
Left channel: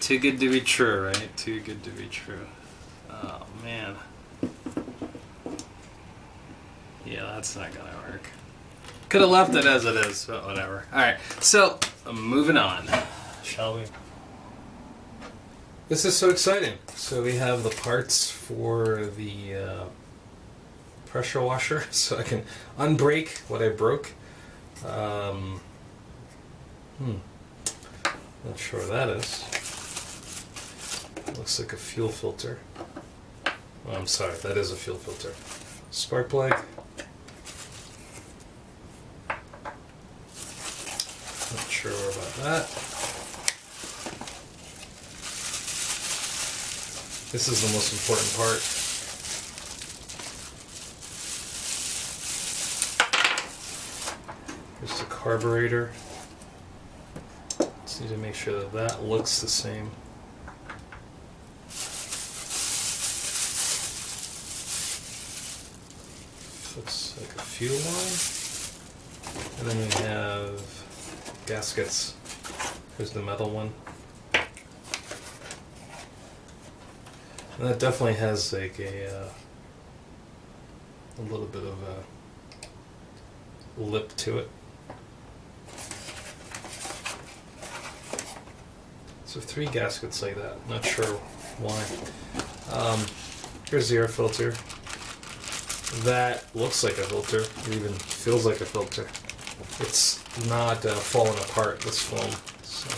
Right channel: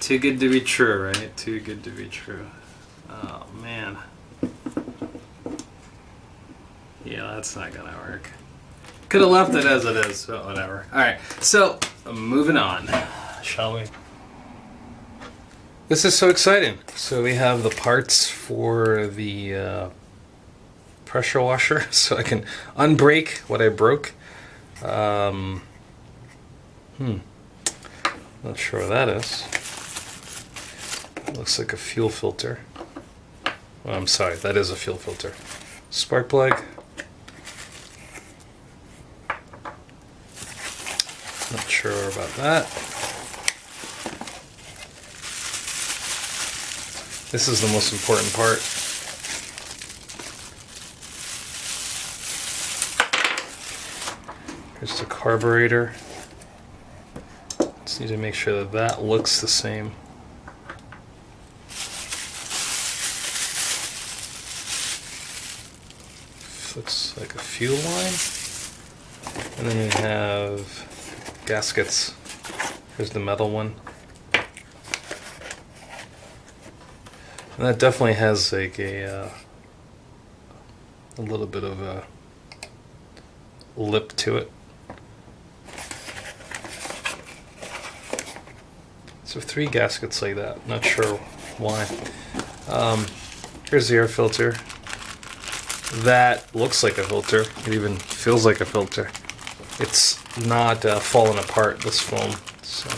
Too good to be true, right? Too good to be true. Oh man. Yeah, that's not gonna work. Could have left it as it is, but whatever. Alright, so moving on, shall we? This is so exciting. So we have the parts for the pressure washer, so I can unbreak what I broke. Not sure what that is. It looks like a fuel filter. Well, I'm sorry, that is a fuel filter. Spark plug. Not sure about that. This is the most important part. Here's the carburetor. Just need to make sure that that looks the same. Looks like a fuel line. And then we have gaskets. Here's the metal one. And that definitely has like a little bit of a lip to it. So 3 gaskets like that. Not sure why. Here's the air filter. that looks like a filter. It even feels like a filter. It's not falling apart, this foam. So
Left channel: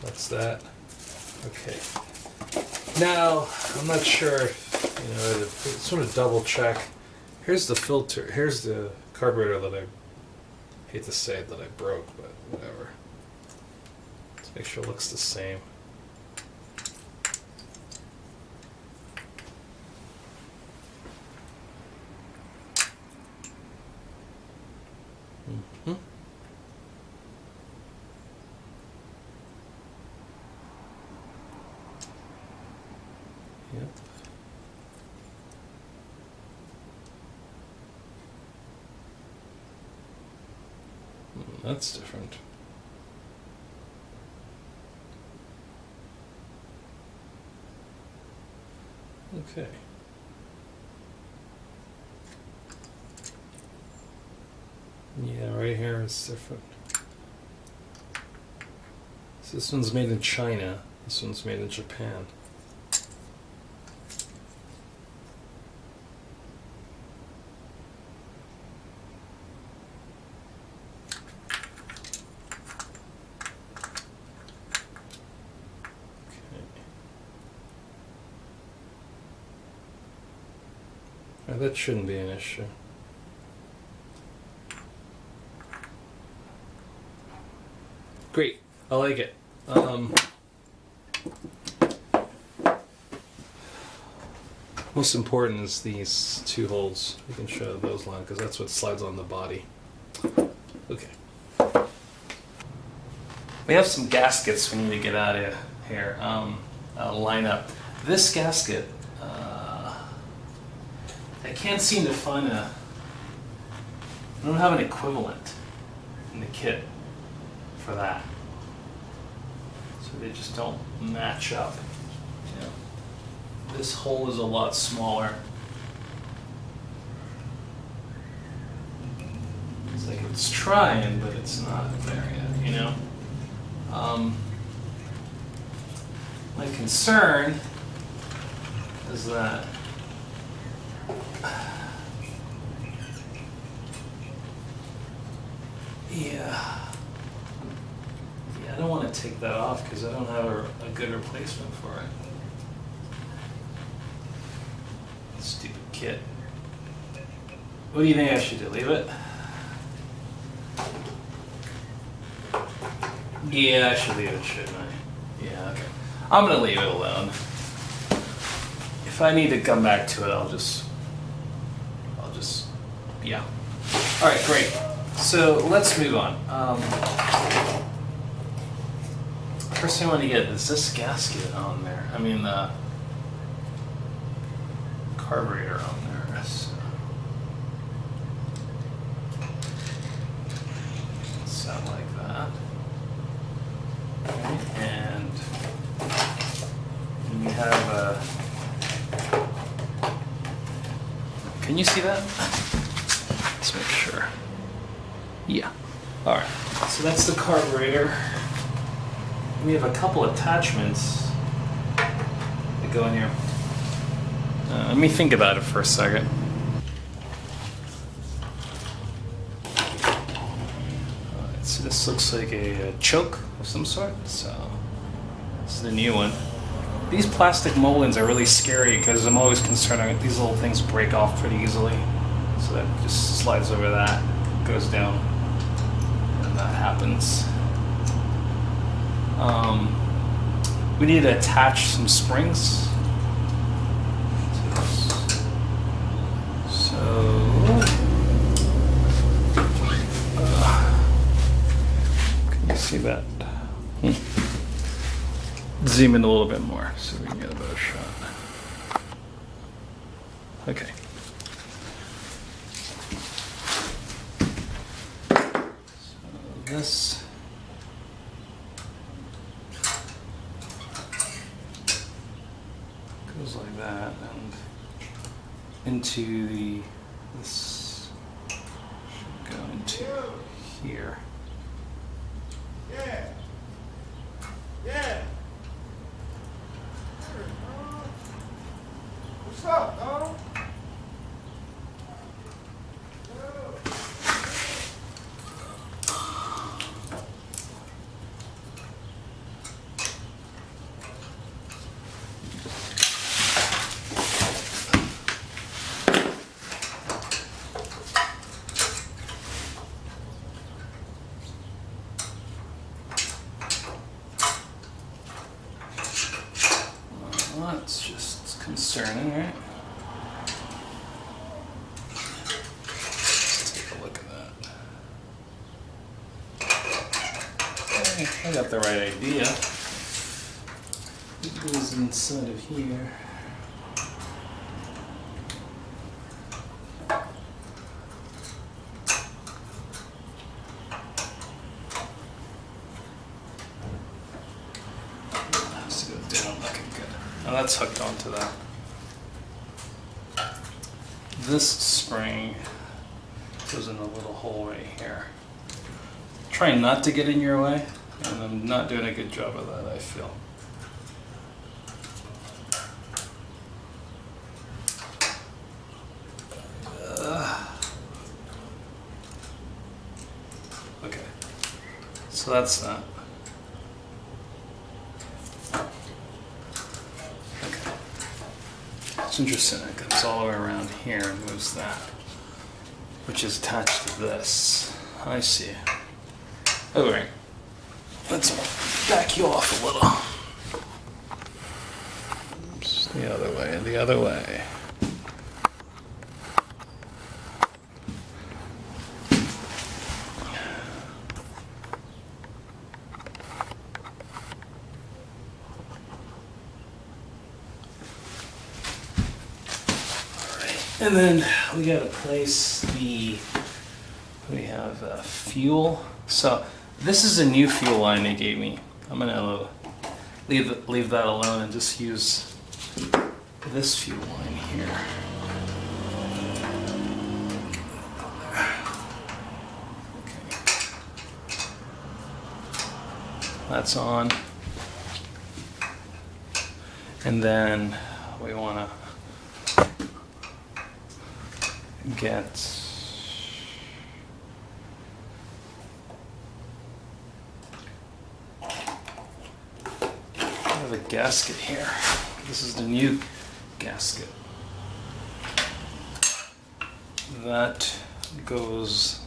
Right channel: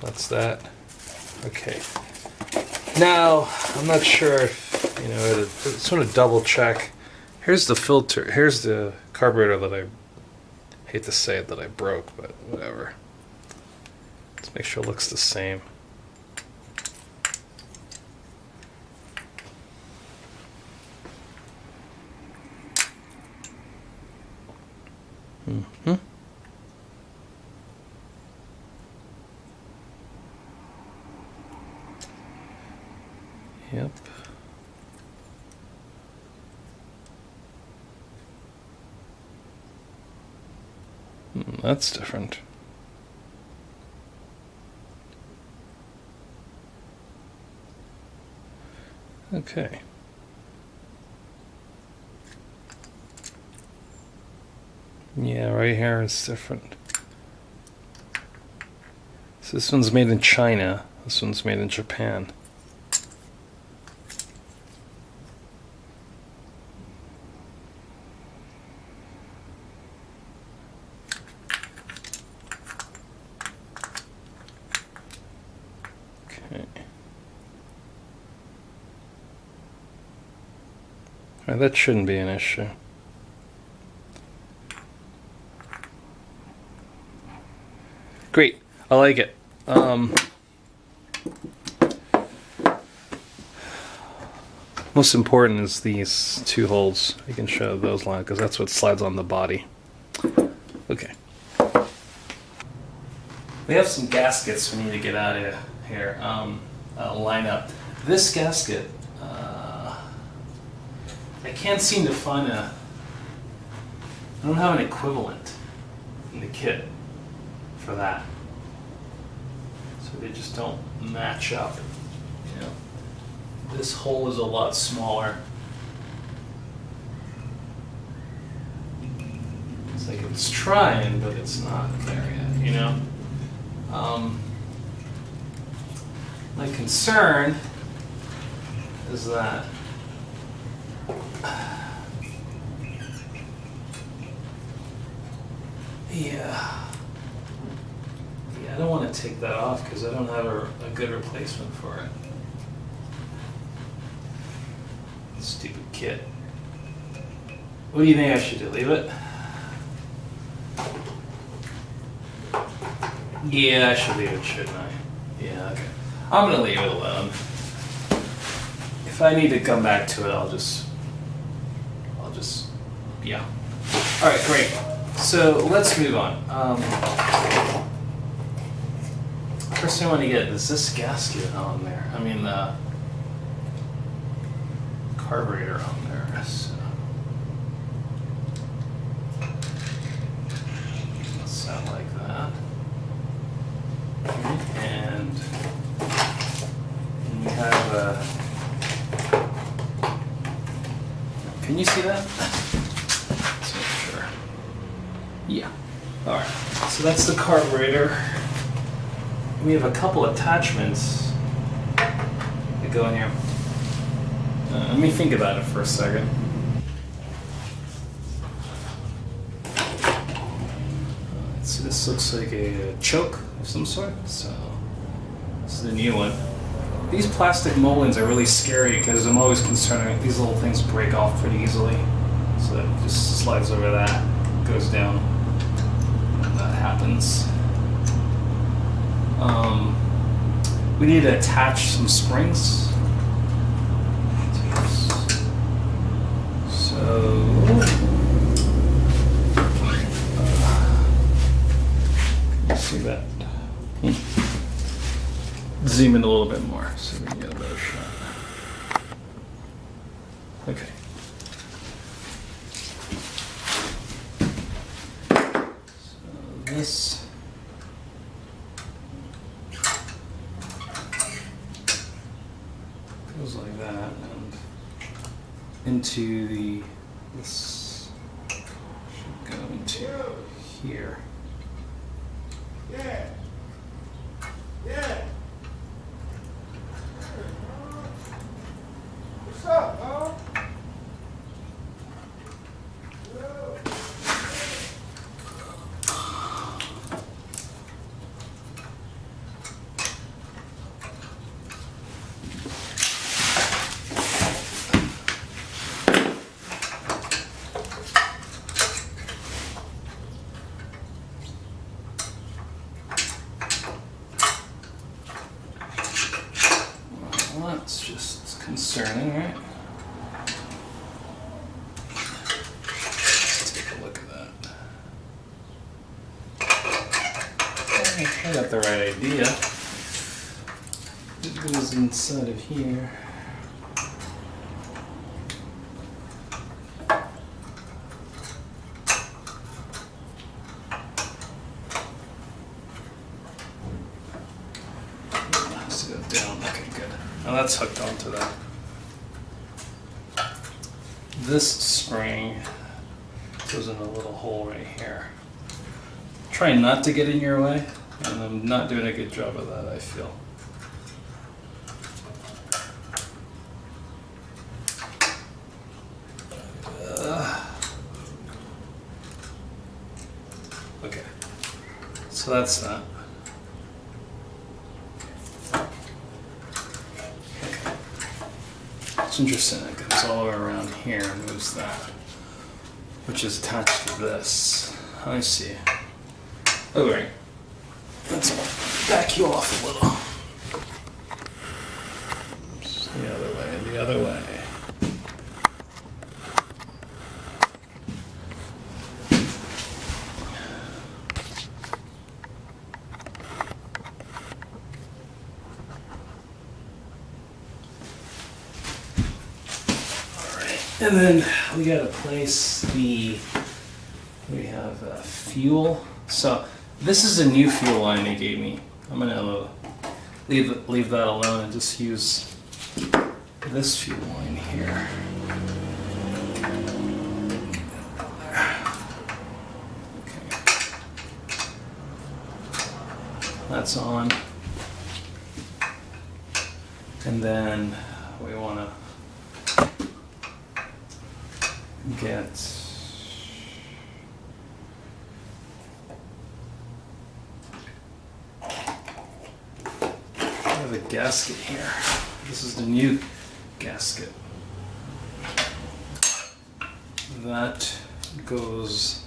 that's that. Okay. Now, I'm not sure if, you know, to sort of double check. Here's the filter. Here's the carburetor that I hate to say it that I broke, but whatever. Let's make sure it looks the same. Mm-hmm. Yep. That's different. Okay. Yeah, right here it's different. So this one's made in China. This one's made in Japan. That shouldn't be an issue. Great, I like it. Most important is these two holes. You can show those lines because that's what slides on the body. Okay. We have some gaskets we need to get out of here. Line up. This gasket, I can't seem to find I don't have an equivalent in the kit for that. So they just don't match up. You know, this hole is a lot smaller. It's like it's trying, but it's not there yet, you know? My concern is that I don't want to take that off because I don't have a good replacement for it. Stupid kit. What do you think I should do? Leave it? Yeah, I should leave it, shouldn't I? Yeah, okay. I'm gonna leave it alone. If I need to come back to it, I'll just, yeah. All right, great. So let's move on. First thing I want to get is this gasket on there. I mean the carburetor on there. So let's sound like that. Okay. And we have a. Can you see that? Let's make sure. Yeah. All right. So that's the carburetor. We have a couple attachments that go in here. Let me think about it for a second. Alright, so this looks like a choke of some sort. So this is the new one. These plastic mullions are really scary because I'm always concerned that these little things break off pretty easily. So that just slides over that, goes down, and that happens. We need to attach some springs. So can you see that? Zoom in a little bit more so we can get a better shot. Okay. So this. Goes like that and into this should go into here. Yeah. Yeah. What's up, dog? Well, that's just concerning, right? Let's take a look at that. I got the right idea. It goes inside of here. Has to go down. Okay, good. Now that's hooked onto that. This spring goes in a little hole right here. Trying not to get in your way, and I'm not doing a good job of that, I feel. Okay, so that's that. Okay, it's interesting. It goes all the way around here and moves that, which is attached to this. I see. Oh, right. Let's back you off a little. Just the other way, the other way. And then we gotta place we have fuel. So this is a new fuel line they gave me. I'm gonna leave that alone and just use this fuel line here. Okay. That's on. And then we wanna get I have a gasket here. This is the new gasket. That goes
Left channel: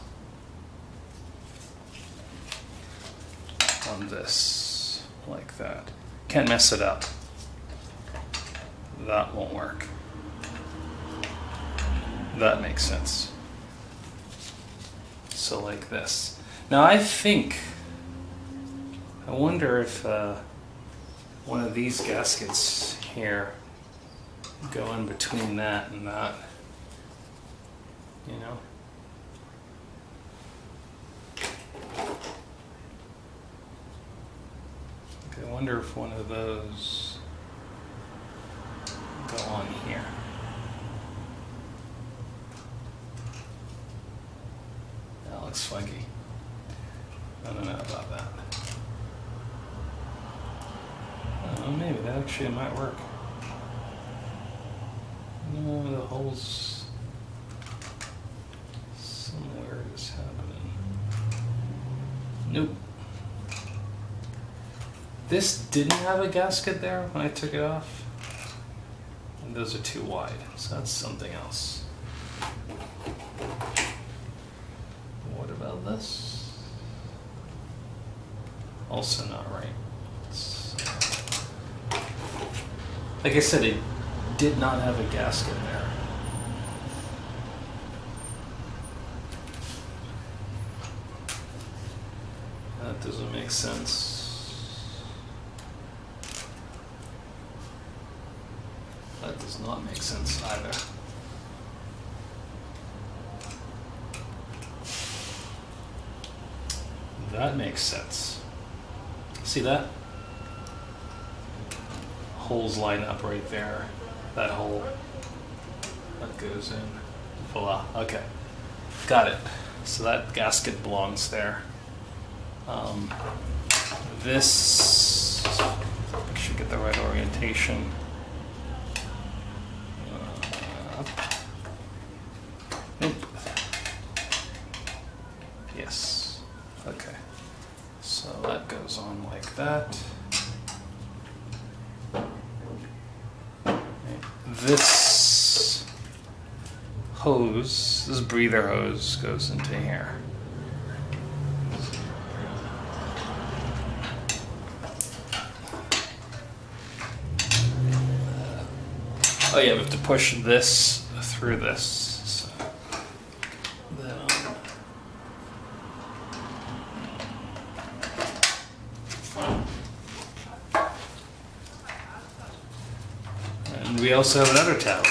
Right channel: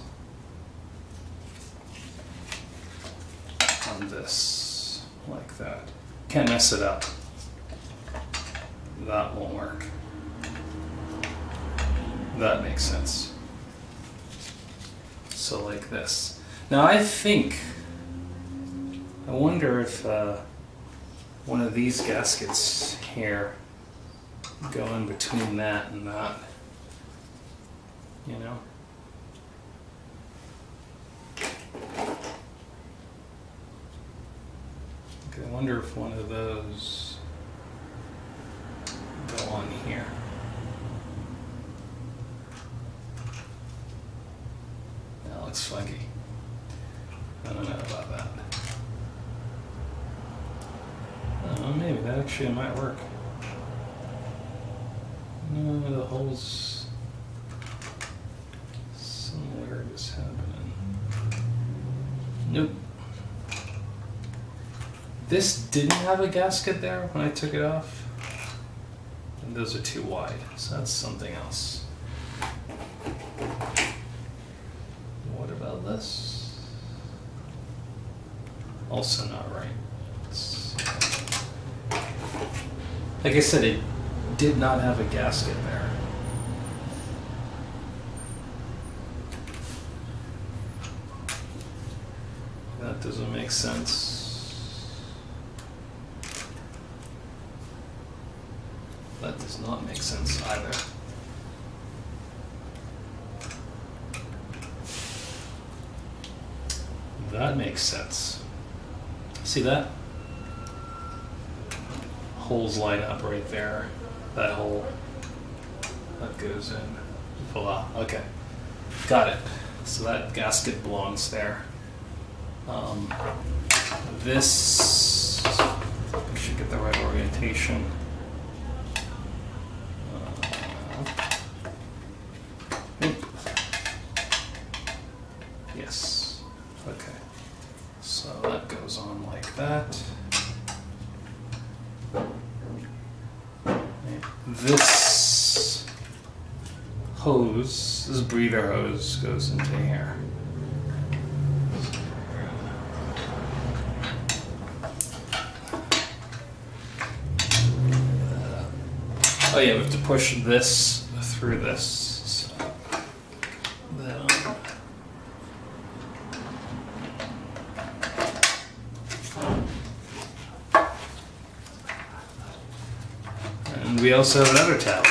on this like that. Can't mess it up. That won't work. That makes sense. So like this. Now I wonder if one of these gaskets here go in between that and that. You know? Okay, I wonder if one of those go on here. That looks funky. I don't know about that. I don't know, maybe that actually might work. No, the holes. Some weird is happening. Nope. This didn't have a gasket there when I took it off. And those are too wide, so that's something else. What about this? Also not right. Like I said, it did not have a gasket there. That doesn't make sense. That does not make sense either. That makes sense. See that? Holes line up right there. That hole that goes in. Voila. Okay. Got it. So that gasket belongs there. This should get the right orientation. Nope. Yes. Okay. So that goes on like that. This hose, this breather hose goes into here. Oh yeah, we have to push this through this. So that on. And we also have another tab.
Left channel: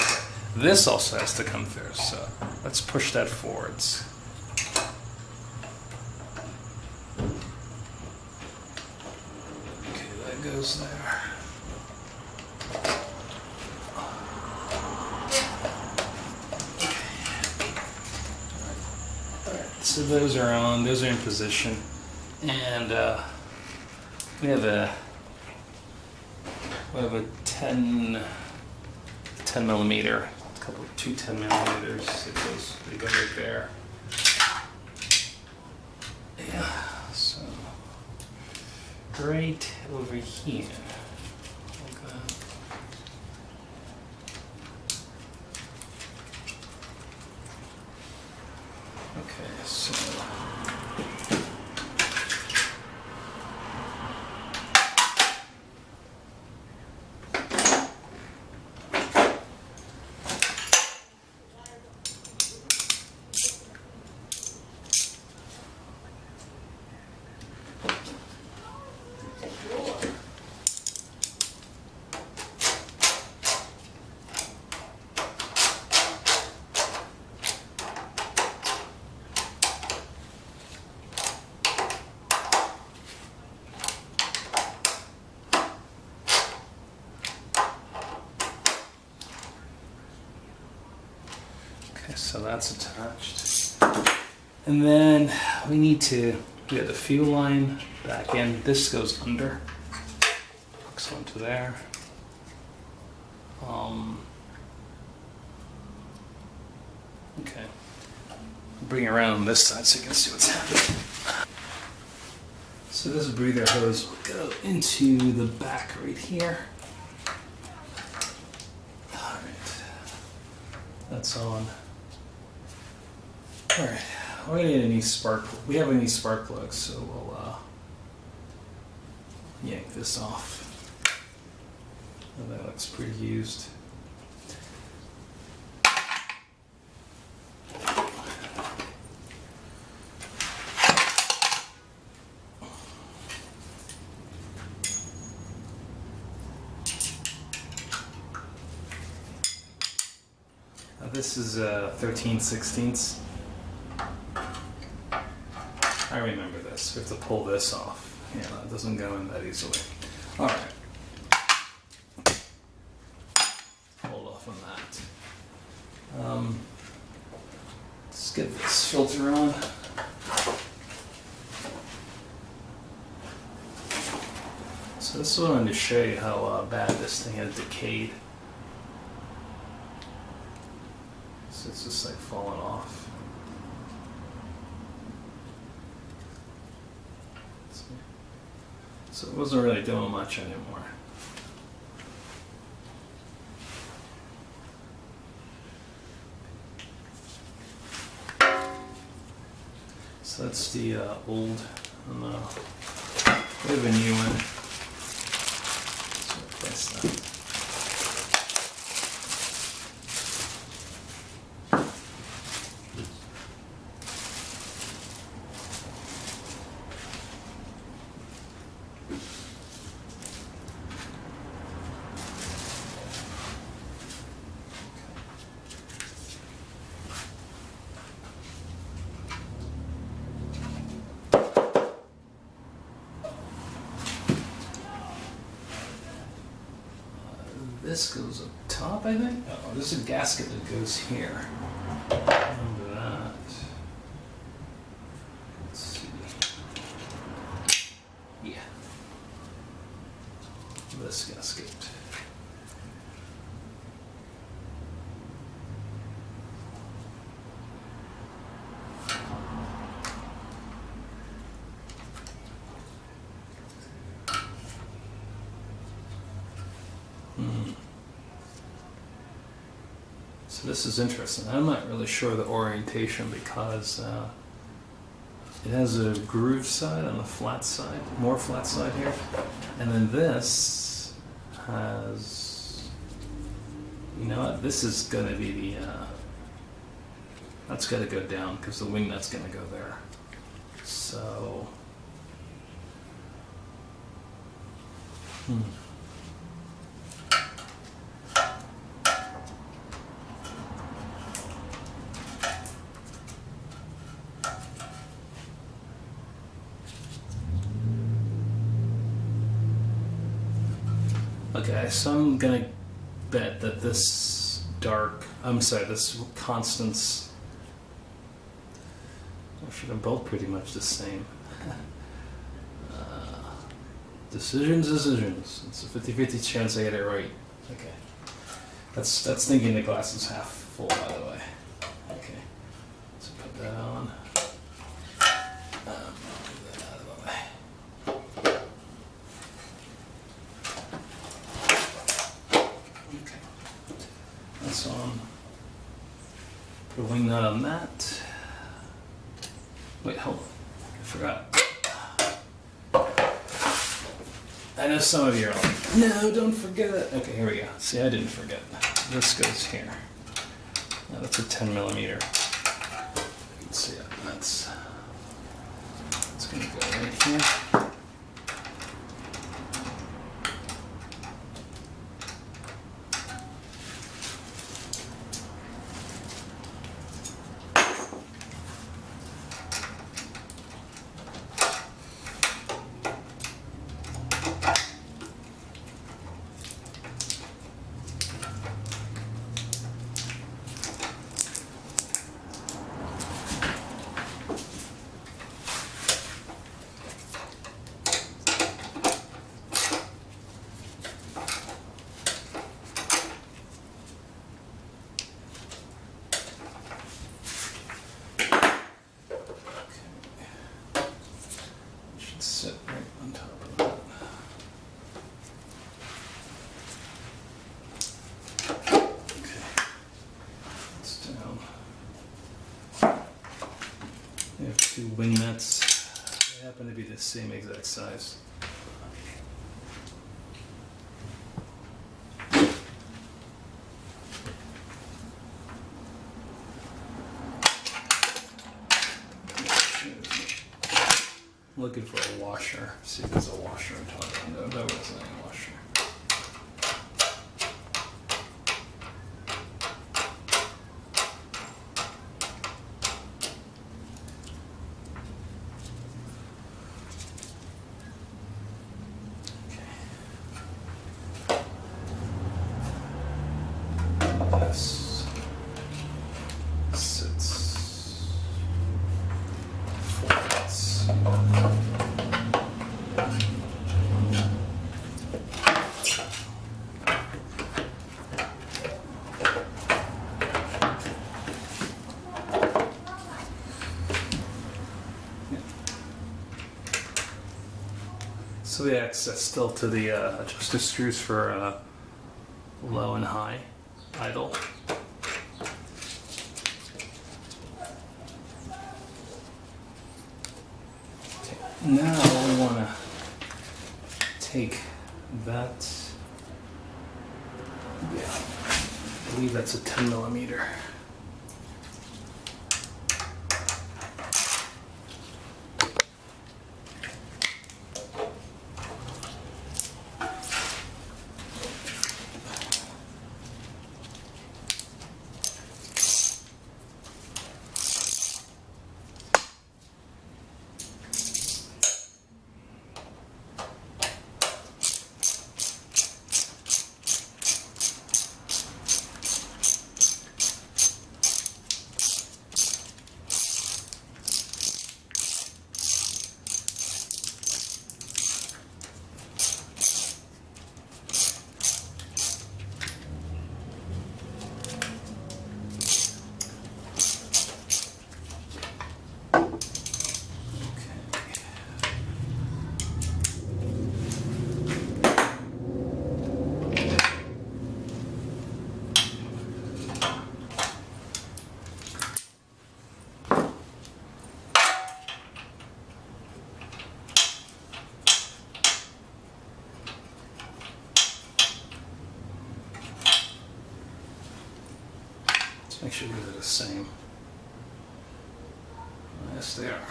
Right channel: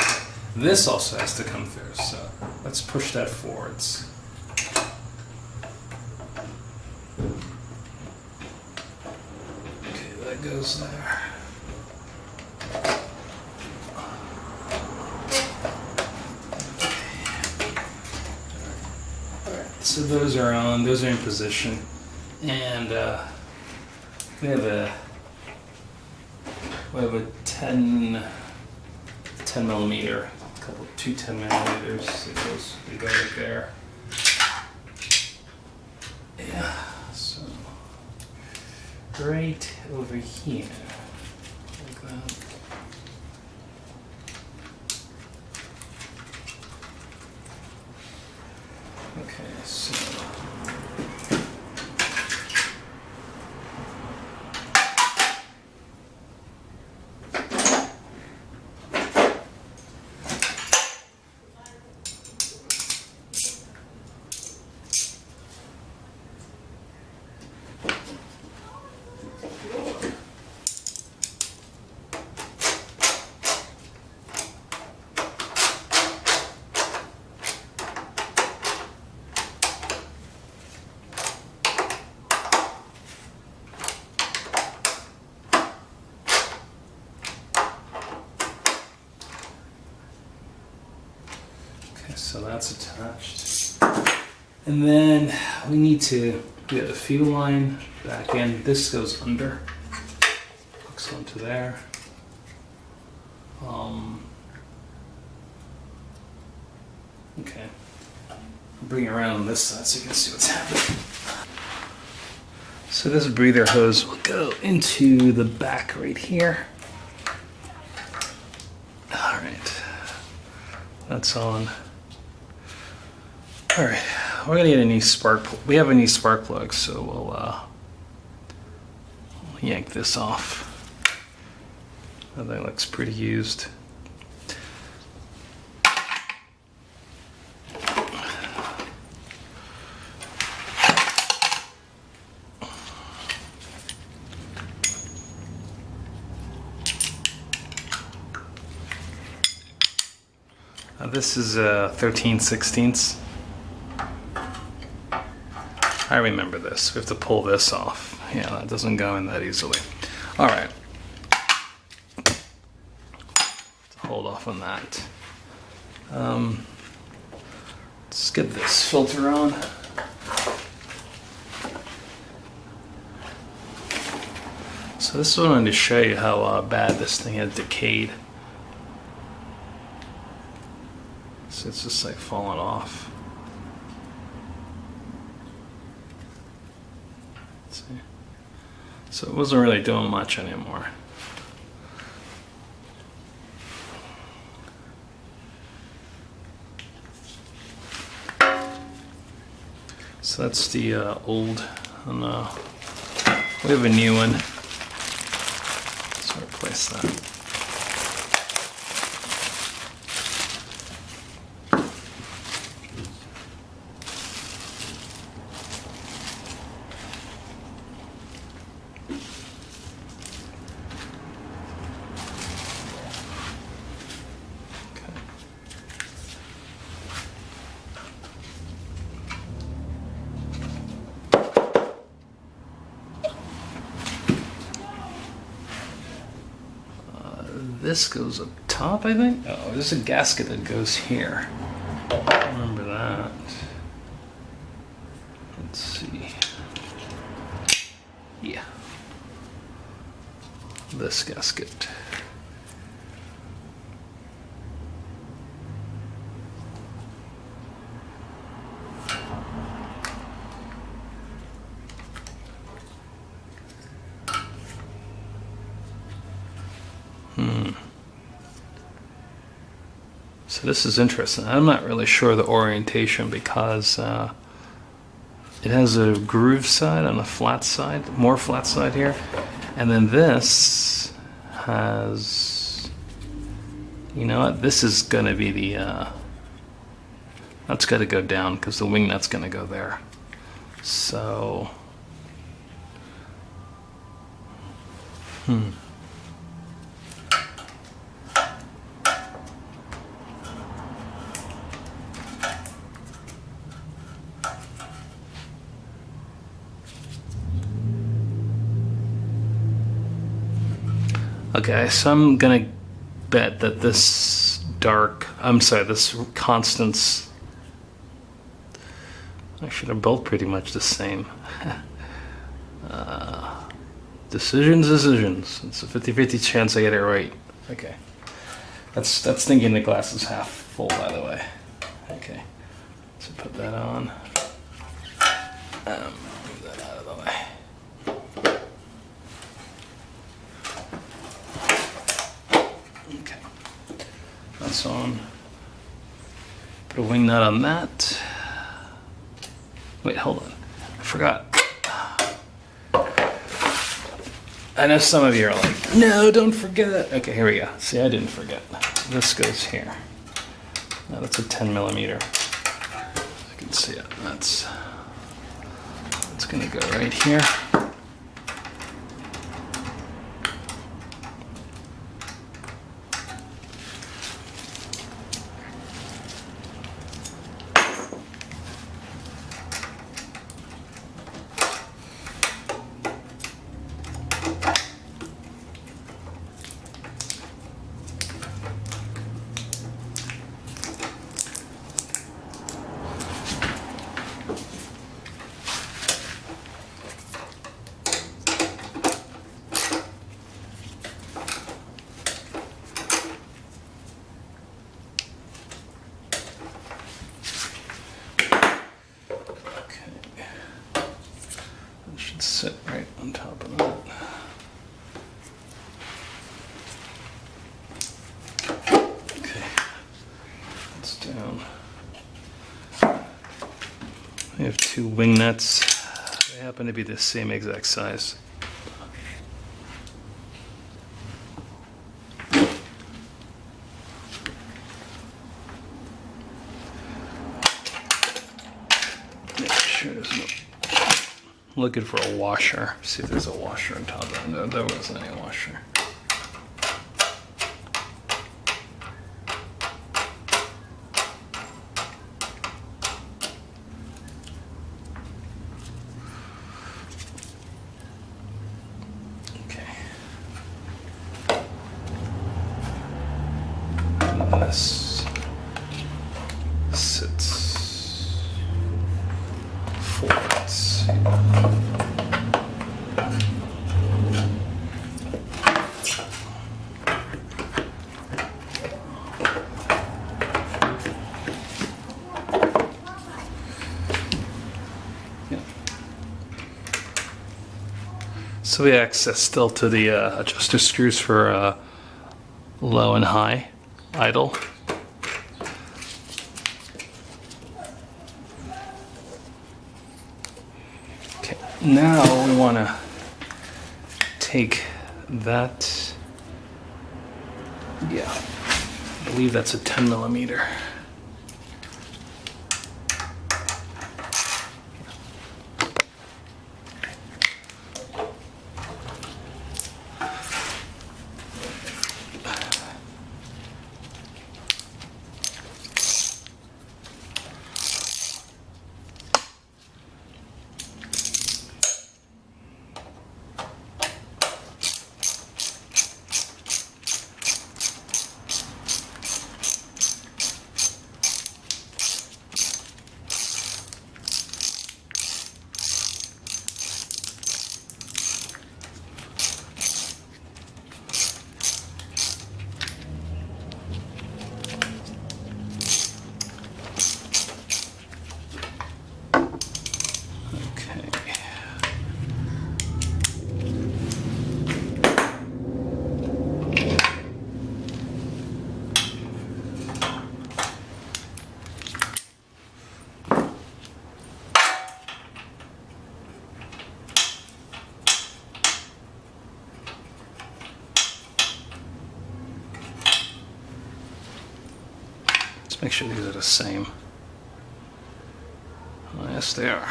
This also has to come through, so let's push that forwards. Okay, that goes there. So those are on, those are in position, and we have a 10 millimeter, two 10 millimeters. They go right there. Yeah, so right over here, like that. Okay, so so that's attached. And then we need to get the fuel line back in. This goes under, hooks onto there. Okay, I'll bring it around on this side so you can see what's happening. So this breather hose will go into the back right here. All right, that's on. All right, we're gonna get a new spark plug. We have a new spark plug, so we'll yank this off. Oh, that looks pretty used. This is 13/16. I remember this. We have to pull this off. Yeah, that doesn't go in that easily. All right. Hold off on that. Let's get this filter on. So this is what I wanted to show you how bad this thing has decayed. So it's just like falling off. See? So it wasn't really doing much anymore. So that's the old, and we have a new one. Let's replace that. This goes up top, I think. Oh, there's a gasket that goes here. Remember that. Let's see. Yeah. This gasket. So this is interesting. I'm not really sure the orientation because it has a groove side and a flat side, more flat side here. And then this has, You know what? This is gonna be the, that's gotta go down because the wing nut's gonna go there. So, okay, so I'm gonna bet that this this constants, actually they're both pretty much the same. Decisions. It's a 50-50 chance I get it right. Okay. That's thinking the glass is half full, by the way. Okay. So put that on. Move that out of the way. Okay. That's on. Put a wing nut on that. Wait, hold on. I forgot. I know some of you are like, no, don't forget. Okay, here we go. See, I didn't forget. This goes here. Now that's a 10 millimeter. You can see it. That's gonna go right here. Sit right on top of that. Okay, that's down. We have two wing nuts. They happen to be the same exact size. Looking for a washer. See if there's a washer on top of it. No, there wasn't any washer. Okay. This sits forwards. So we have access still to the adjuster screws for low and high idle. Okay, now we want to take that, yeah, I believe that's a 10 millimeter. Let's make sure these are the same. Oh, yes, they are.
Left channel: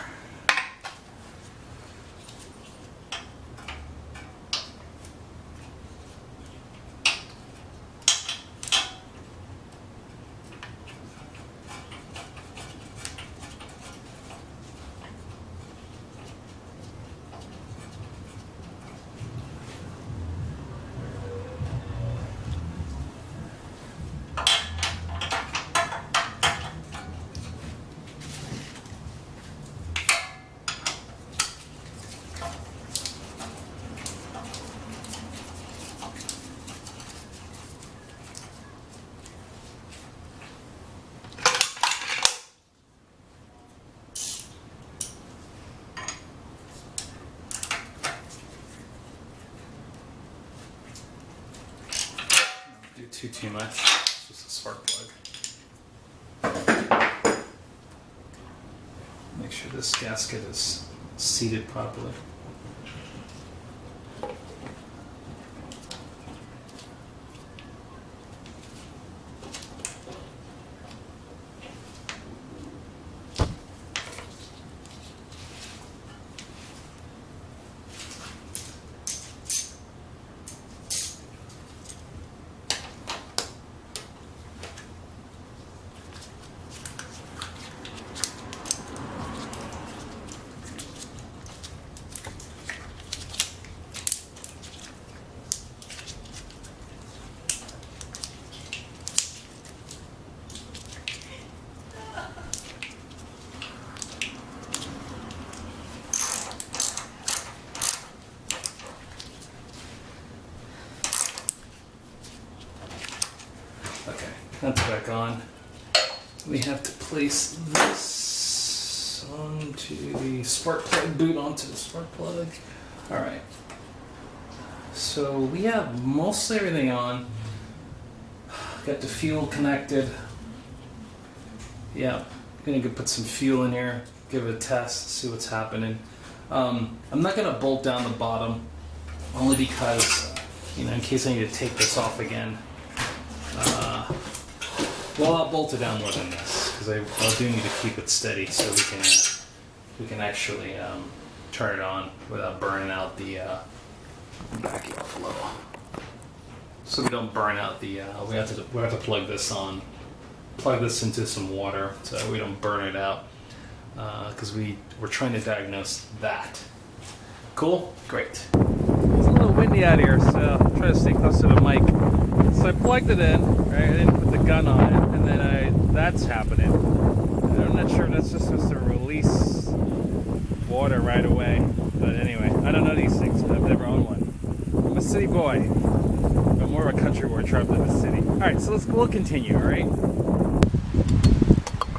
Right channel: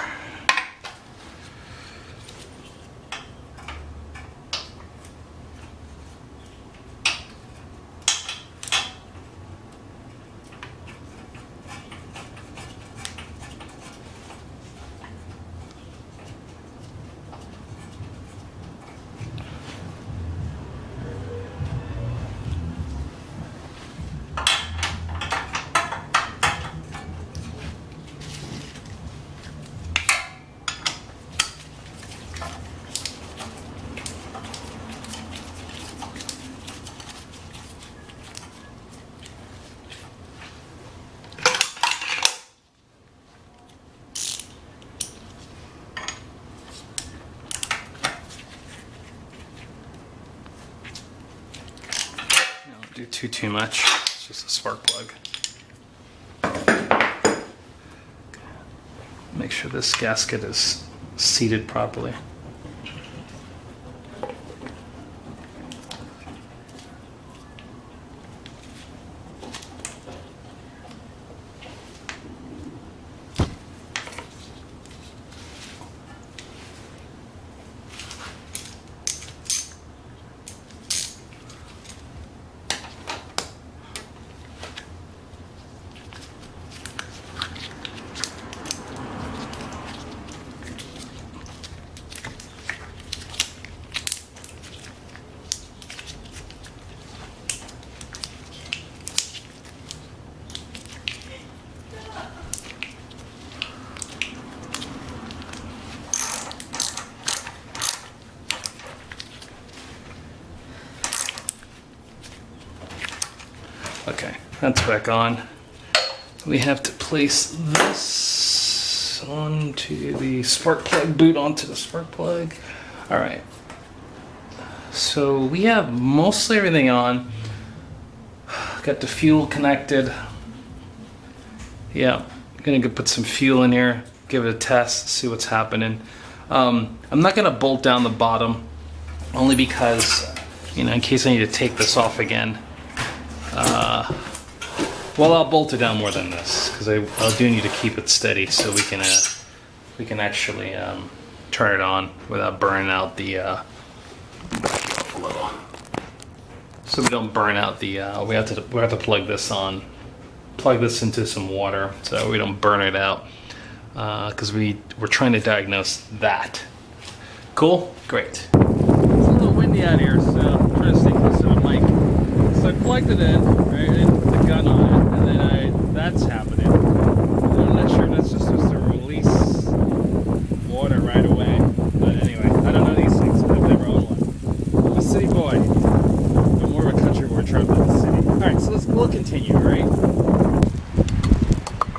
Do too much. It's just a spark plug. Make sure this gasket is seated properly. Okay, that's back on. We have to place this onto the spark plug, boot onto the spark plug. All right. So we have mostly everything on. Got the fuel connected. Yeah, gonna go put some fuel in here, give it a test, see what's happening. I'm not gonna bolt down the bottom, only because, in case I need to take this off again. Well, I'll bolt it down more than this because I do need to keep it steady so we can actually turn it on without burning out the. Back it off a little, so we don't burn out the. We have to plug this on, plug this into some water so we don't burn it out because we're trying to diagnose that. Cool, great. It's a little windy out here, so I'm trying to stay close to the mic. So I plugged it in, right? I didn't put the gun on it, and then that's happening. And I'm not sure if that's just supposed to release water right away. But anyway, I don't know these things. I've never owned one. I'm a city boy. I'm more of a country boy trying to live in the city. Alright, so we'll continue, alright?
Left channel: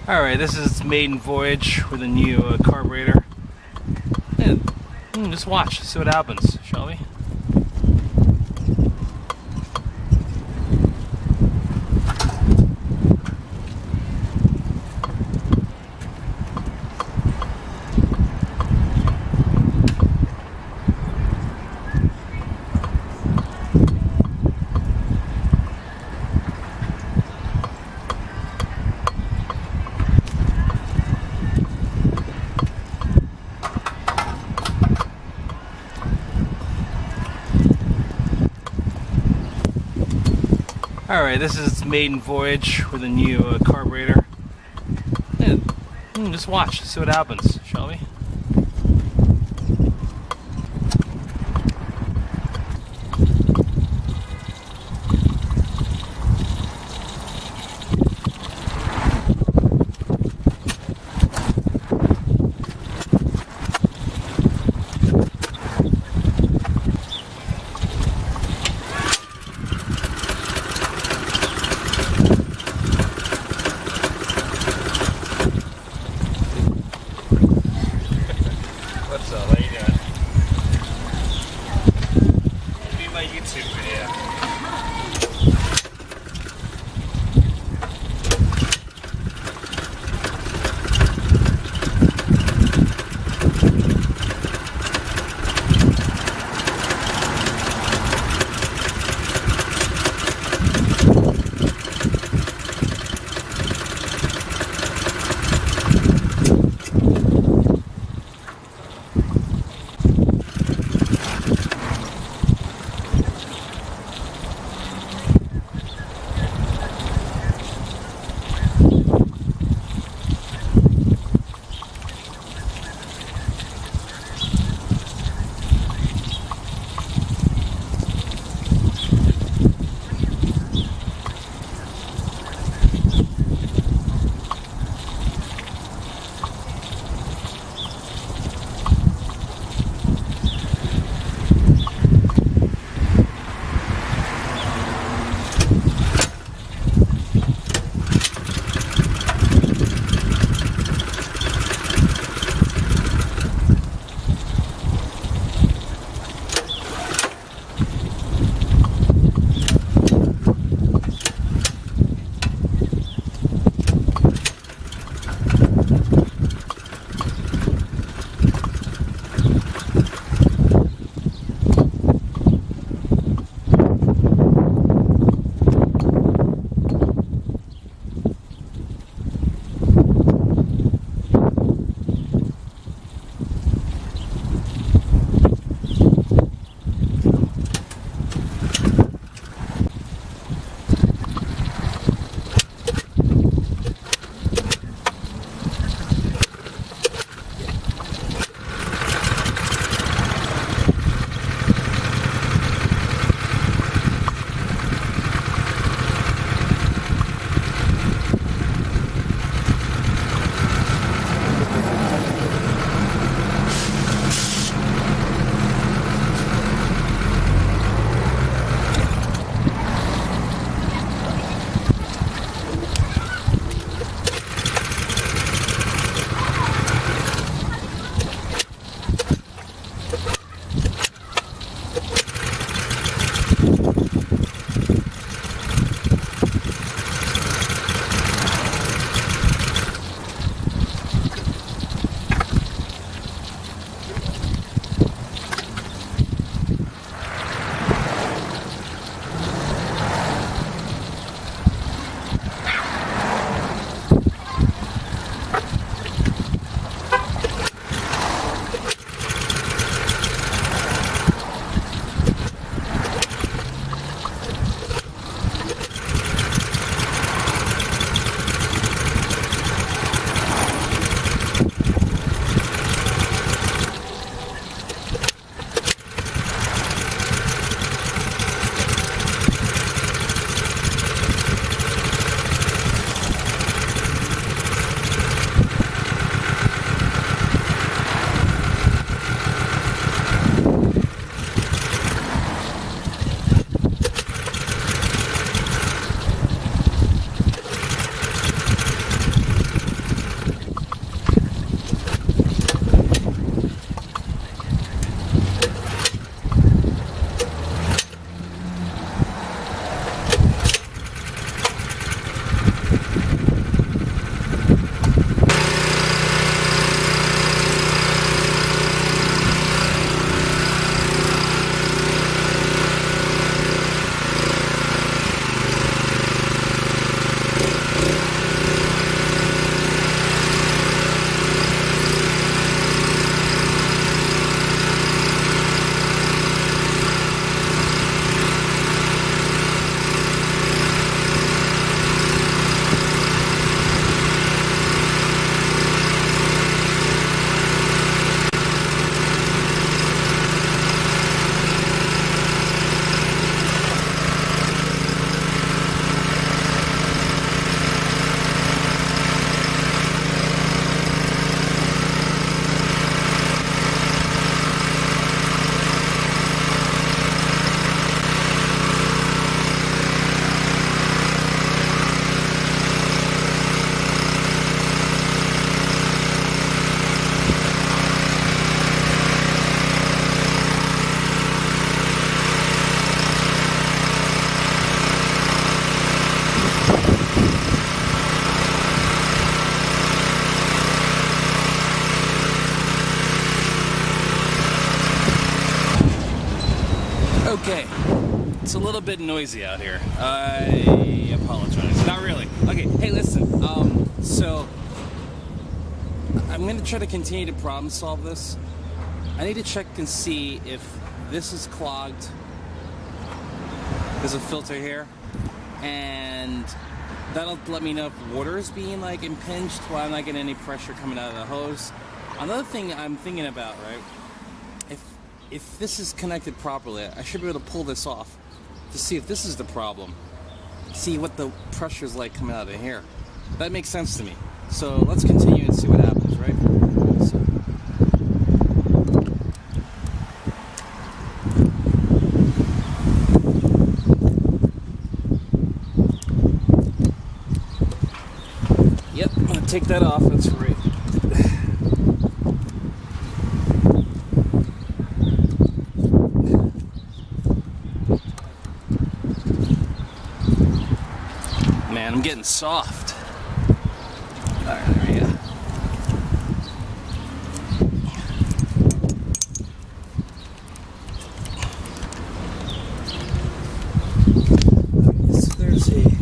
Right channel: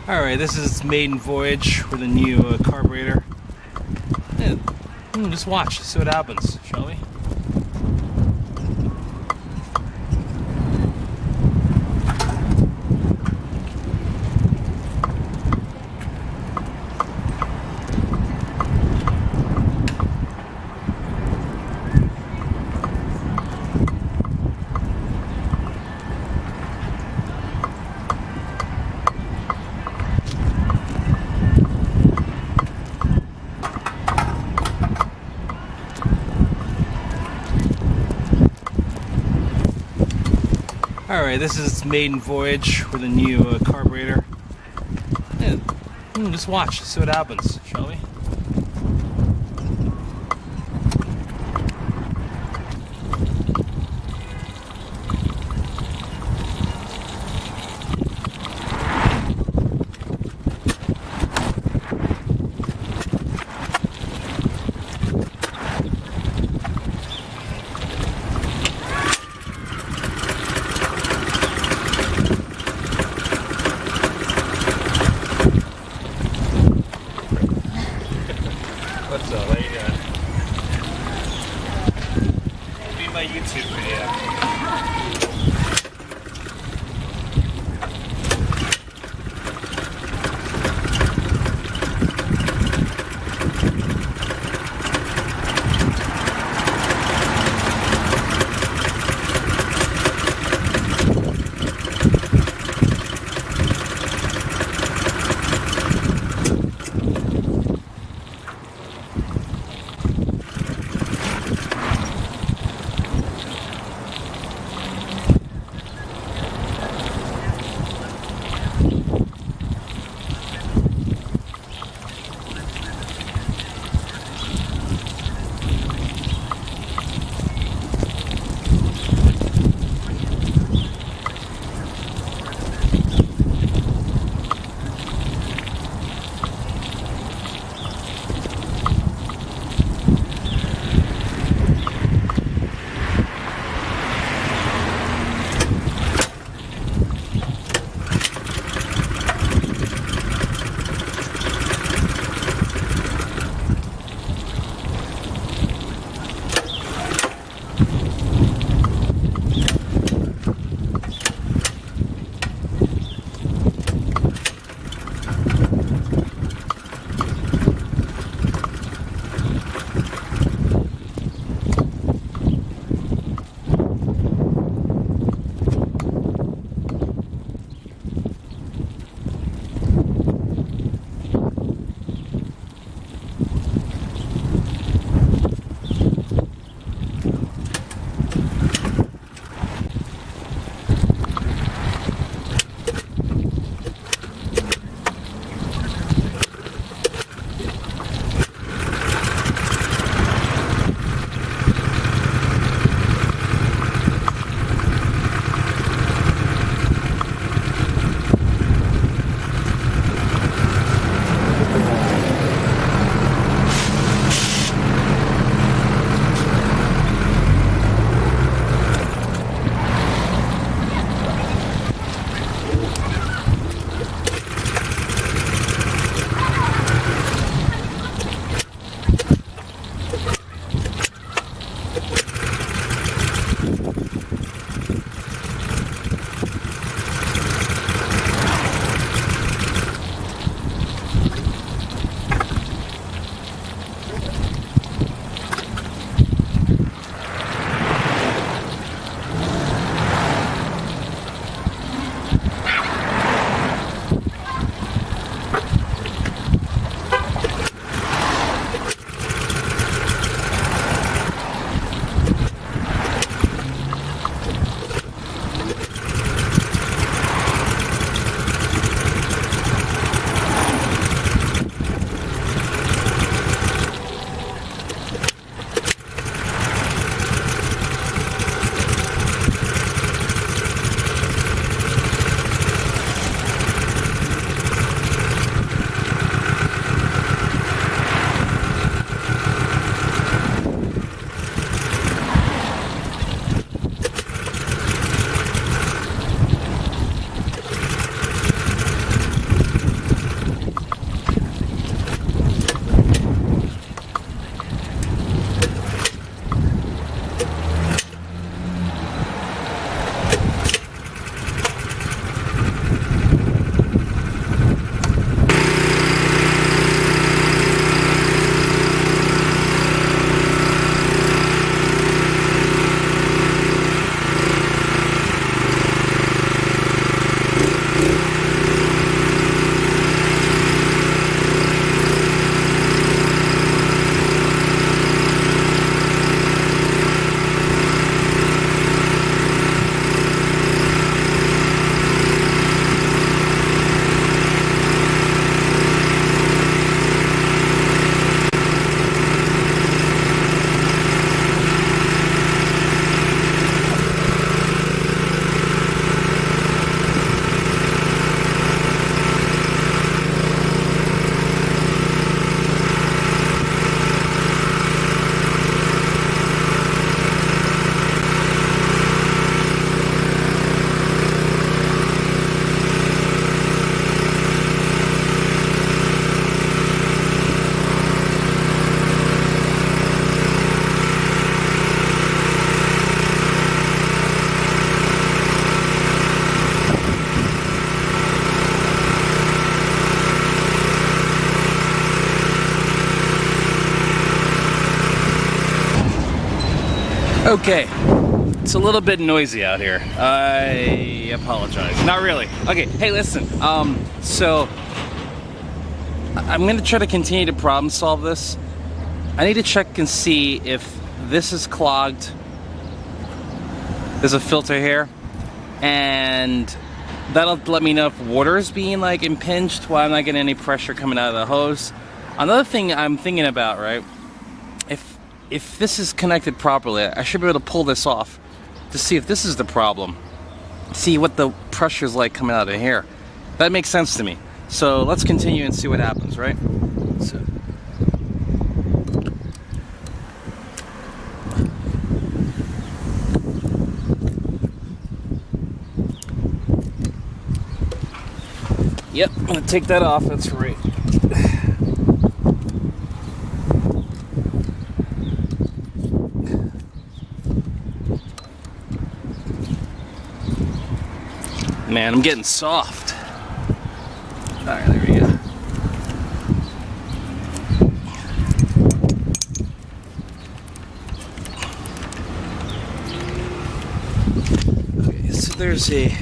Alright, this is its maiden voyage with a new carburetor. And just watch, see what happens, shall we? Alright, this is its maiden voyage with a new carburetor. And just watch, see what happens, shall we? Okay, it's a little bit noisy out here. I apologize. Not really. Okay, hey, listen. So I'm gonna try to continue to problem solve this. I need to check and see if this is clogged. There's a filter here, and that'll let me know if water is being like impinged while I'm not getting any pressure coming out of the hose. Another thing I'm thinking about, right? If this is connected properly, I should be able to pull this off to see if this is the problem. See what the pressure is like coming out of here. That makes sense to me. So let's continue and see what happens, right? So. Yep, I'm gonna take that off, that's right. Man, I'm getting soft. Alright, there we go. Okay, so there's a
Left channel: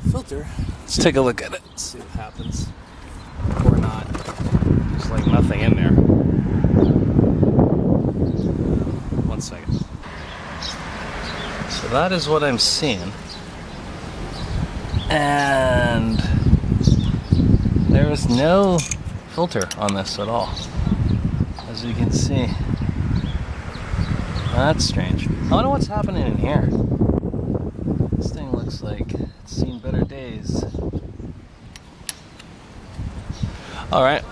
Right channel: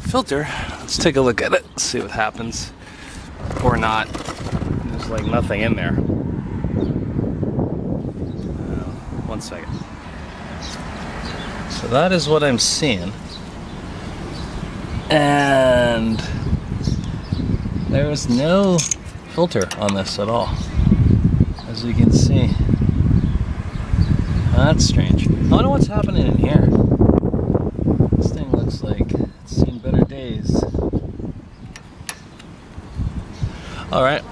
filter. Let's take a look at it, see what happens. Or not. There's like nothing in there. 1 second. So that is what I'm seeing. And there is no filter on this at all, as you can see. That's strange. I don't know what's happening in here. This thing looks like it's seen better days. Alright.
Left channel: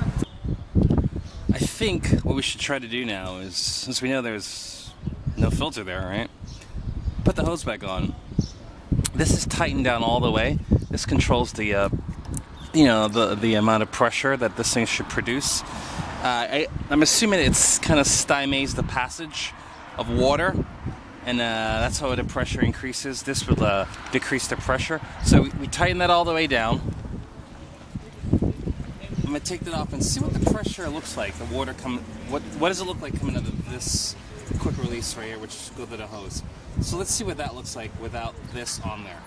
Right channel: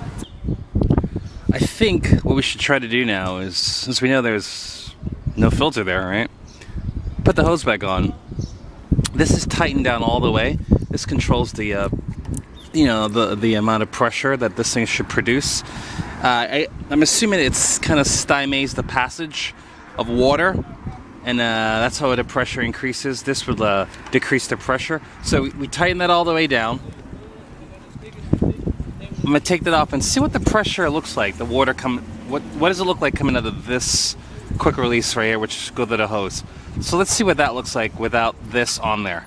I think what we should try to do now is, since we know there's no filter there, right? Put the hose back on. This is tightened down all the way. This controls the, the amount of pressure that this thing should produce. I'm assuming it's kind of stymies the passage of water, and that's how the pressure increases. This would decrease the pressure. So we tighten that all the way down. I'm gonna take that off and see what the pressure looks like. The water what does it look like coming out of this quick release right here, which goes to the hose. So let's see what that looks like without this on there.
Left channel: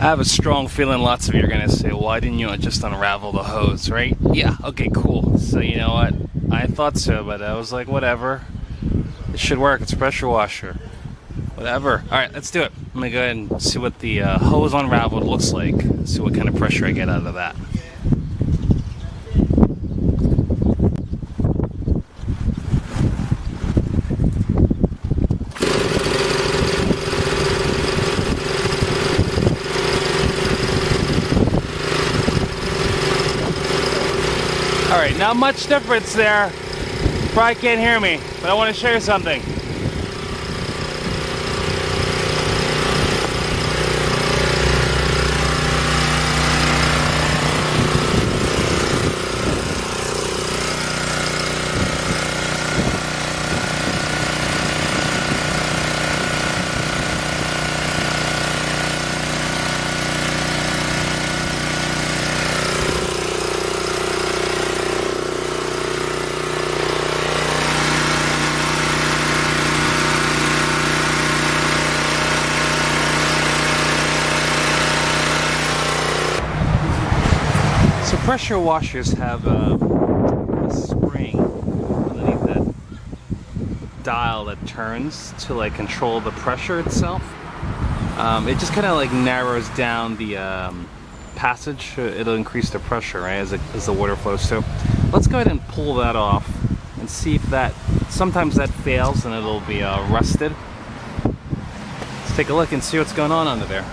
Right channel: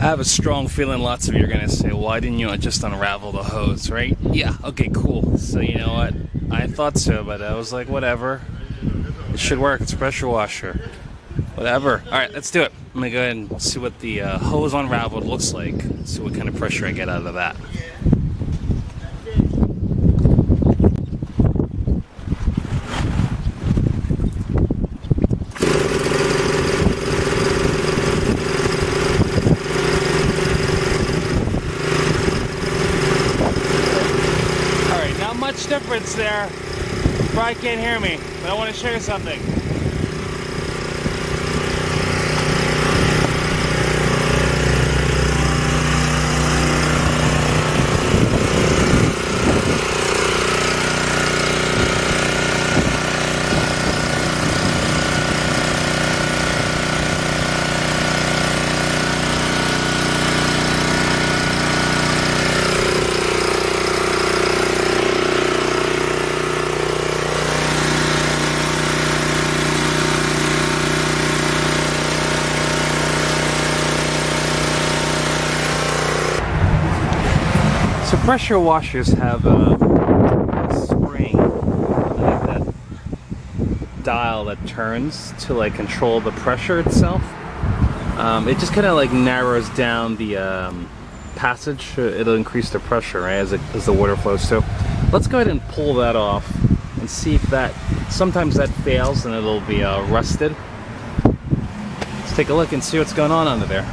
I have a strong feeling lots of you are going to say, why didn't you just unravel the hose, right? Yeah, okay, cool. So you know what? I thought so, but I was like, whatever. It should work. It's a pressure washer. Whatever. Alright, let's do it. I'm going to go ahead and see what the hose unraveled looks like. See what kind of pressure I get out of that. Alright, not much difference there. You probably can't hear me, but I want to show you something. So pressure washers have a spring underneath that dial that turns to like control the pressure itself. It just kind of like narrows down the passage. It'll increase the pressure, right, as the water flows through. Let's go ahead and pull that off and see if that, sometimes that fails and it'll be rusted. Let's take a look and see what's going on under there.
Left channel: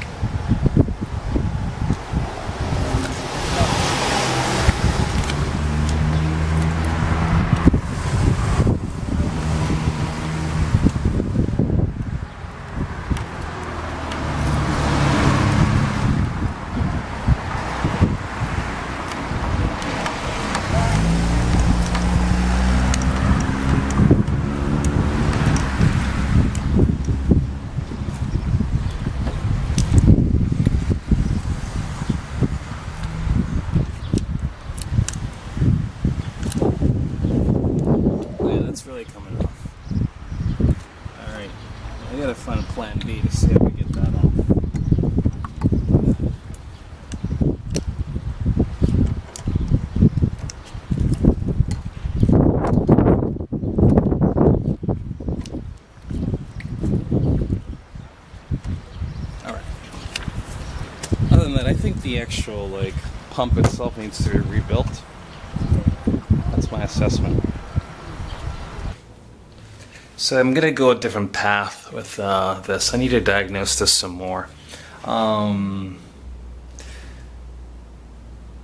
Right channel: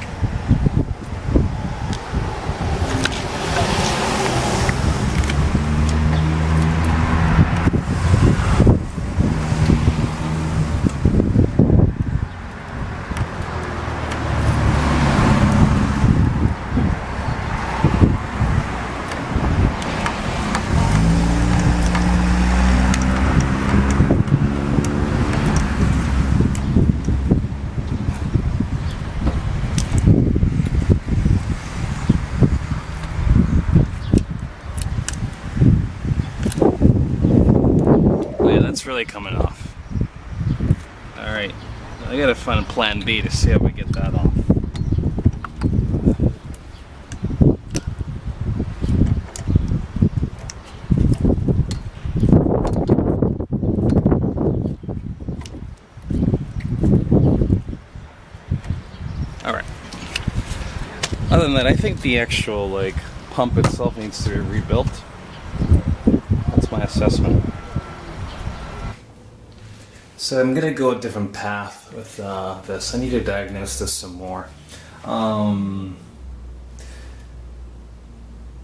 That's really coming off. Alright, I gotta find plan B to see how we get that off. Alright. Other than that, I think the actual like pump itself needs to be rebuilt. That's my assessment. So I'm gonna go a different path with this. I need to diagnose this some more.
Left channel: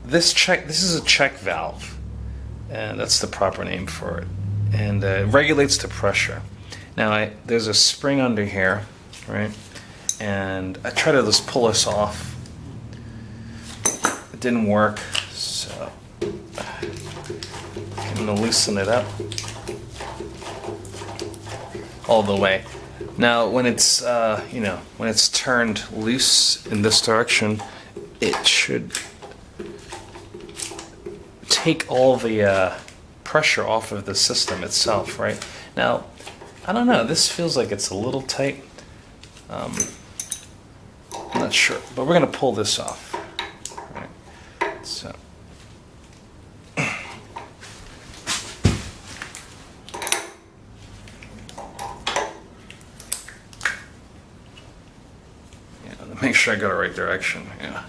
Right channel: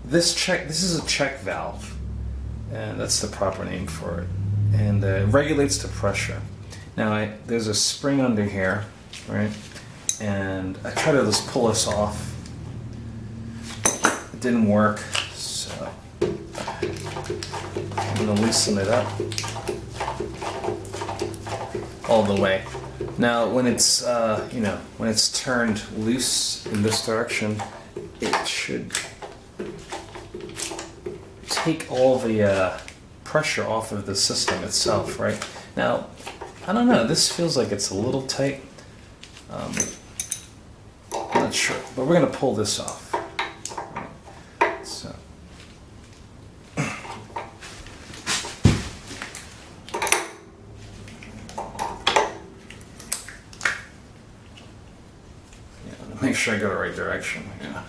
This is a check valve, and that's the proper name for it. And it regulates the pressure. Now there's a spring under here, right? And I tried to just pull this off. It didn't work, so I'm gonna loosen it up all the way. Now, when it's when it's turned loose in this direction, it should take all the pressure off of the system itself, right? Now, I don't know. This feels like it's a little tight. I'm not sure, but we're gonna pull this off. Right. So. Make sure I go the right direction, yeah.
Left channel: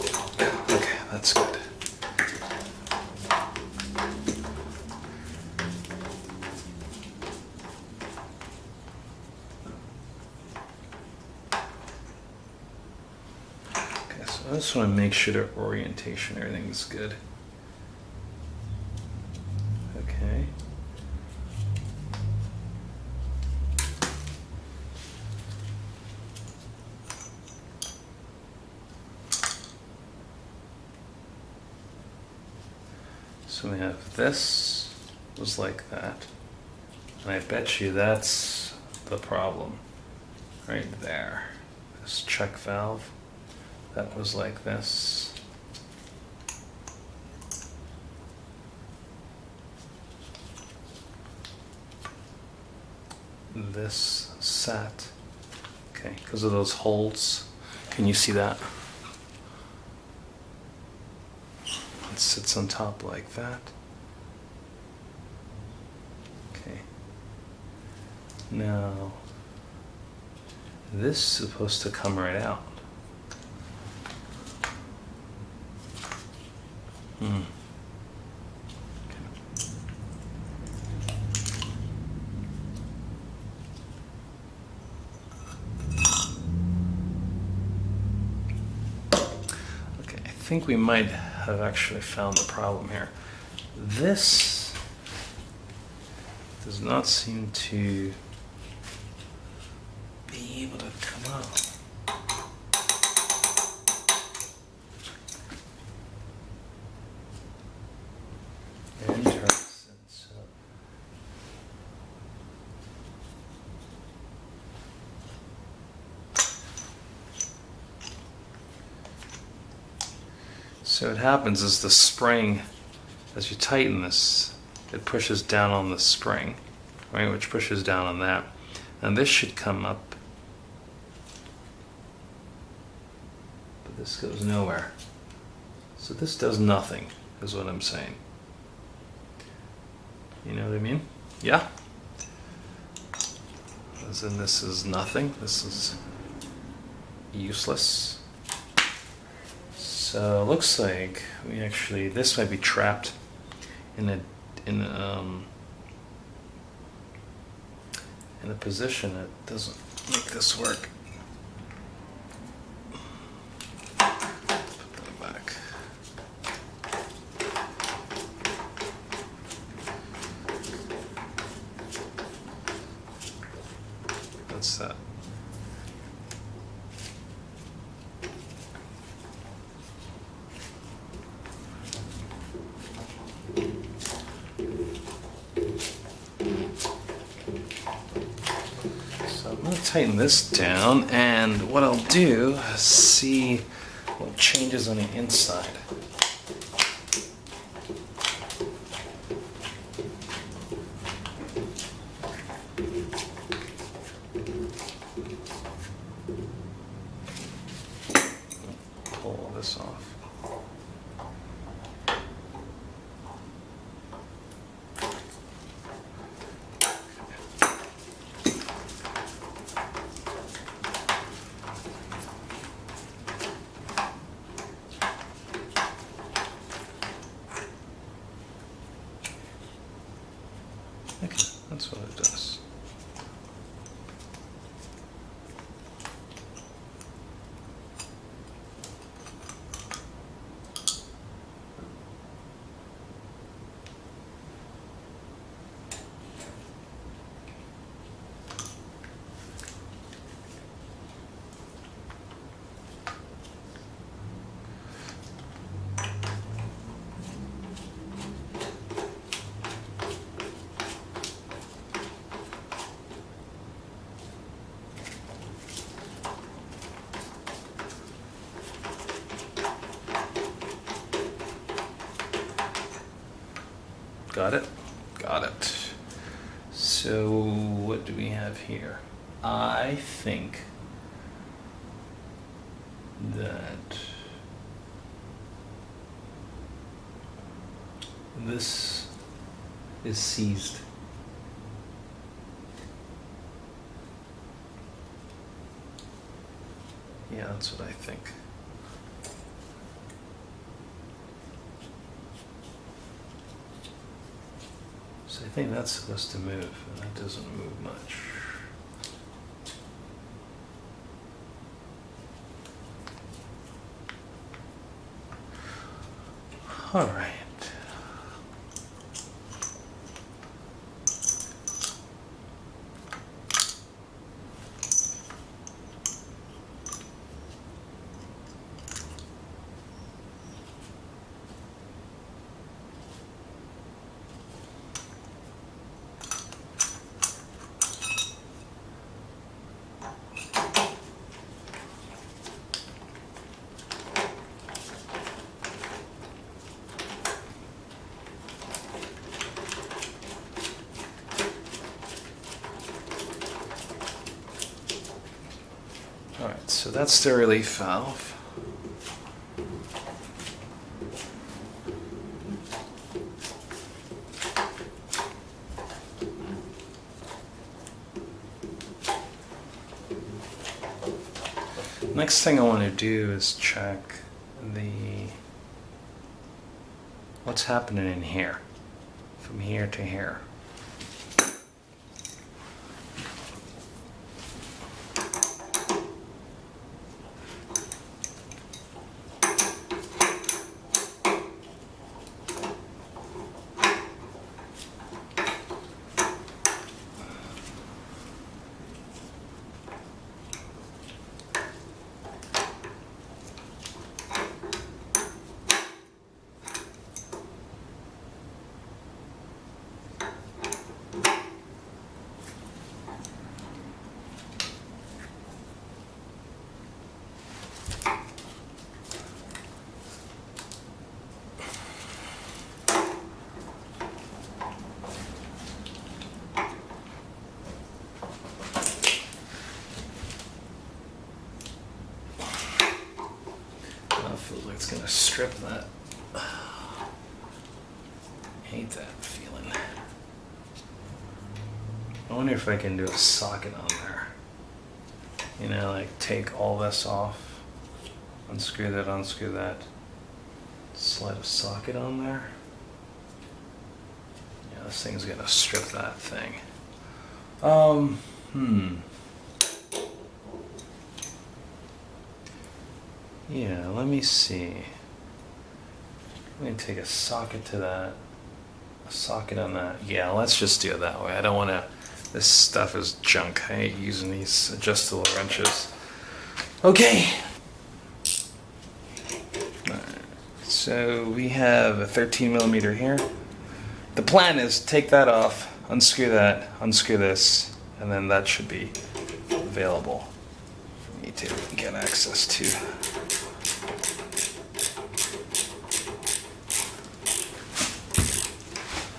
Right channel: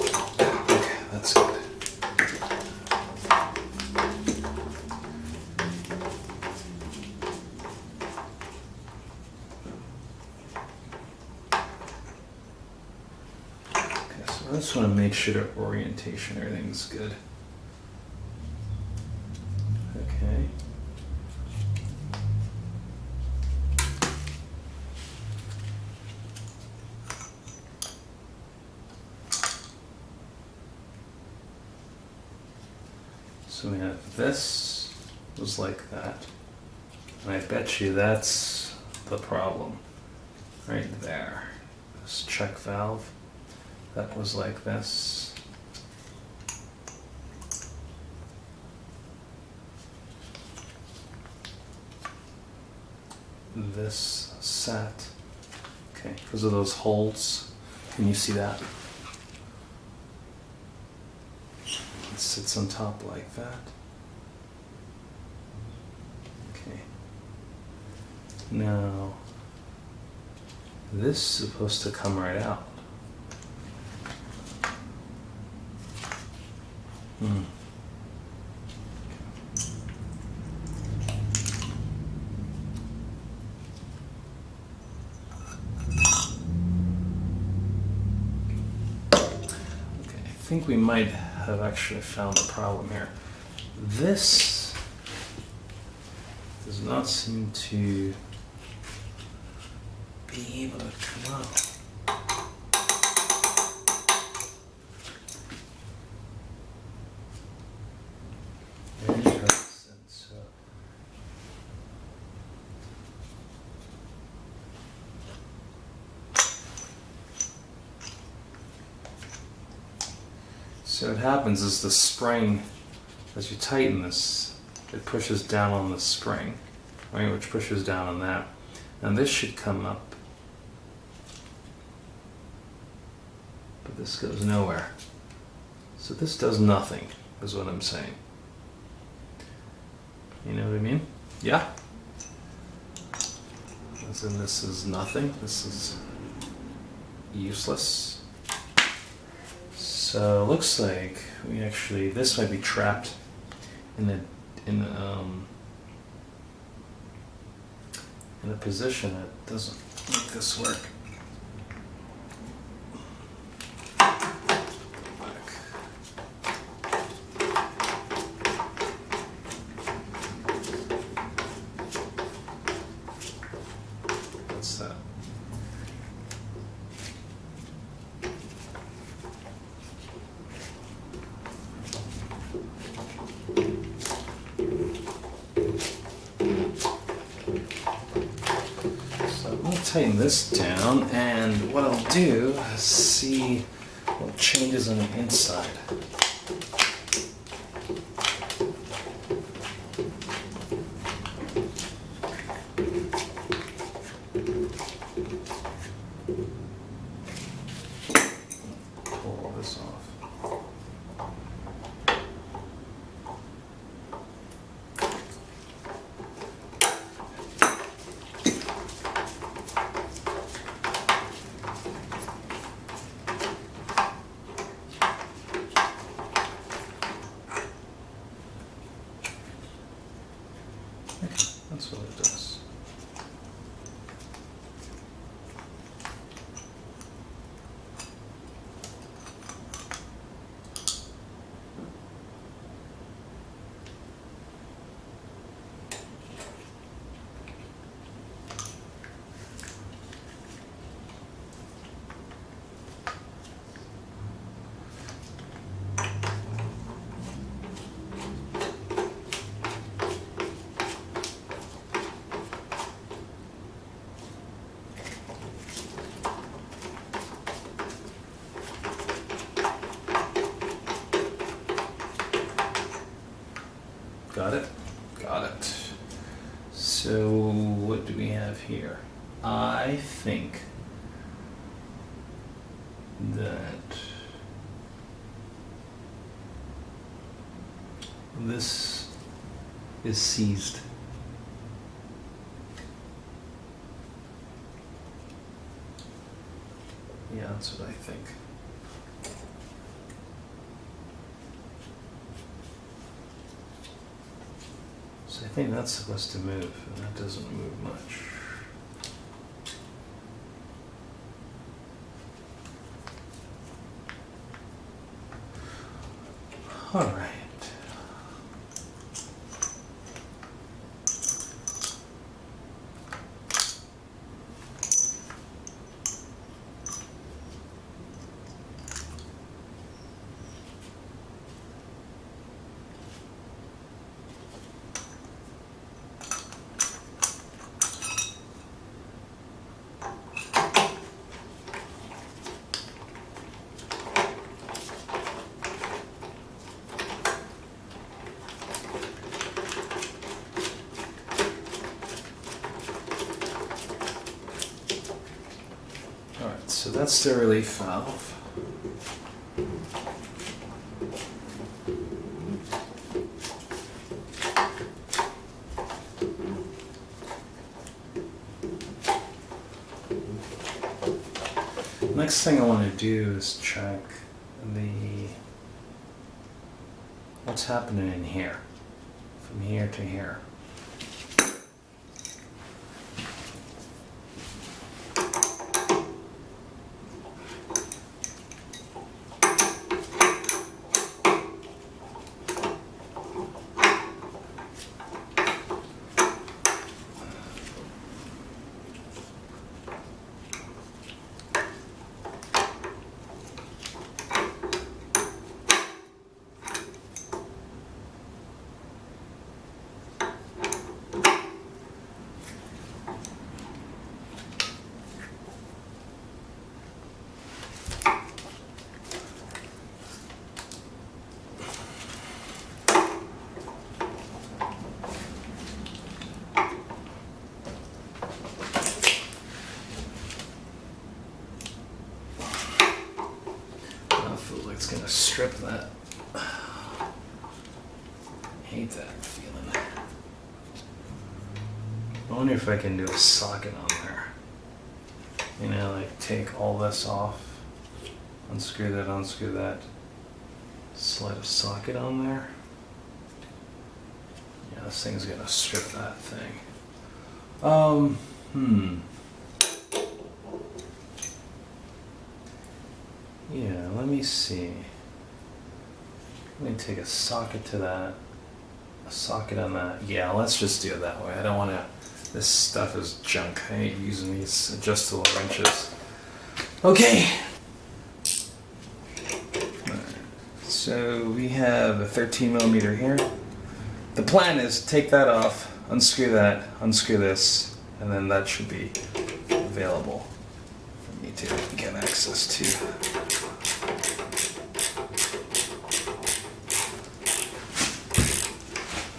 Okay, that's good. Okay, so I just want to make sure the orientation, everything's good. Okay. So we have this was like that. And I bet you that's the problem. Right there. This check valve. That was like this. this sat. Okay, because of those holes. Can you see that? It sits on top like that. Okay. Now, this is supposed to come right out. Hmm. I think we might have actually found the problem here. This does not seem to be able to come out. Interesting. So what happens is the spring, as you tighten this, it pushes down on the spring, right, which pushes down on that. And this should come up, but this goes nowhere. So this does nothing, is what I'm saying. You know what I mean? Yeah? As in, this is nothing. This is useless. So it looks like we actually, this might be trapped in a position that doesn't make this work. Back. That's that. Tighten this down, and what I'll do is see what changes on the inside. Pull all this off. Okay, that's what it does. Got it? Got it. So what do we have here? I think that this is seized. Yeah, that's what I think. So I think that's supposed to move, and that doesn't move much. All right. Alright, so that's the relief valve. Next thing I want to do is check what's happening in here, from here to here. It's gonna strip that. I hate that feeling. I wonder if I can do a socket on there. You know, like take all this off, unscrew that, slide a socket on there. Yeah, this thing's gonna strip that thing. Yeah, let me see. Let me take a socket to that, a socket on that. Yeah, let's just do it that way. I don't want to, this stuff is junk. I hate using these adjustable wrenches. Okay. Alright. So we have a 13 millimeter here. The plan is take that off, unscrew that, unscrew this, and then that should be available for me to get access to.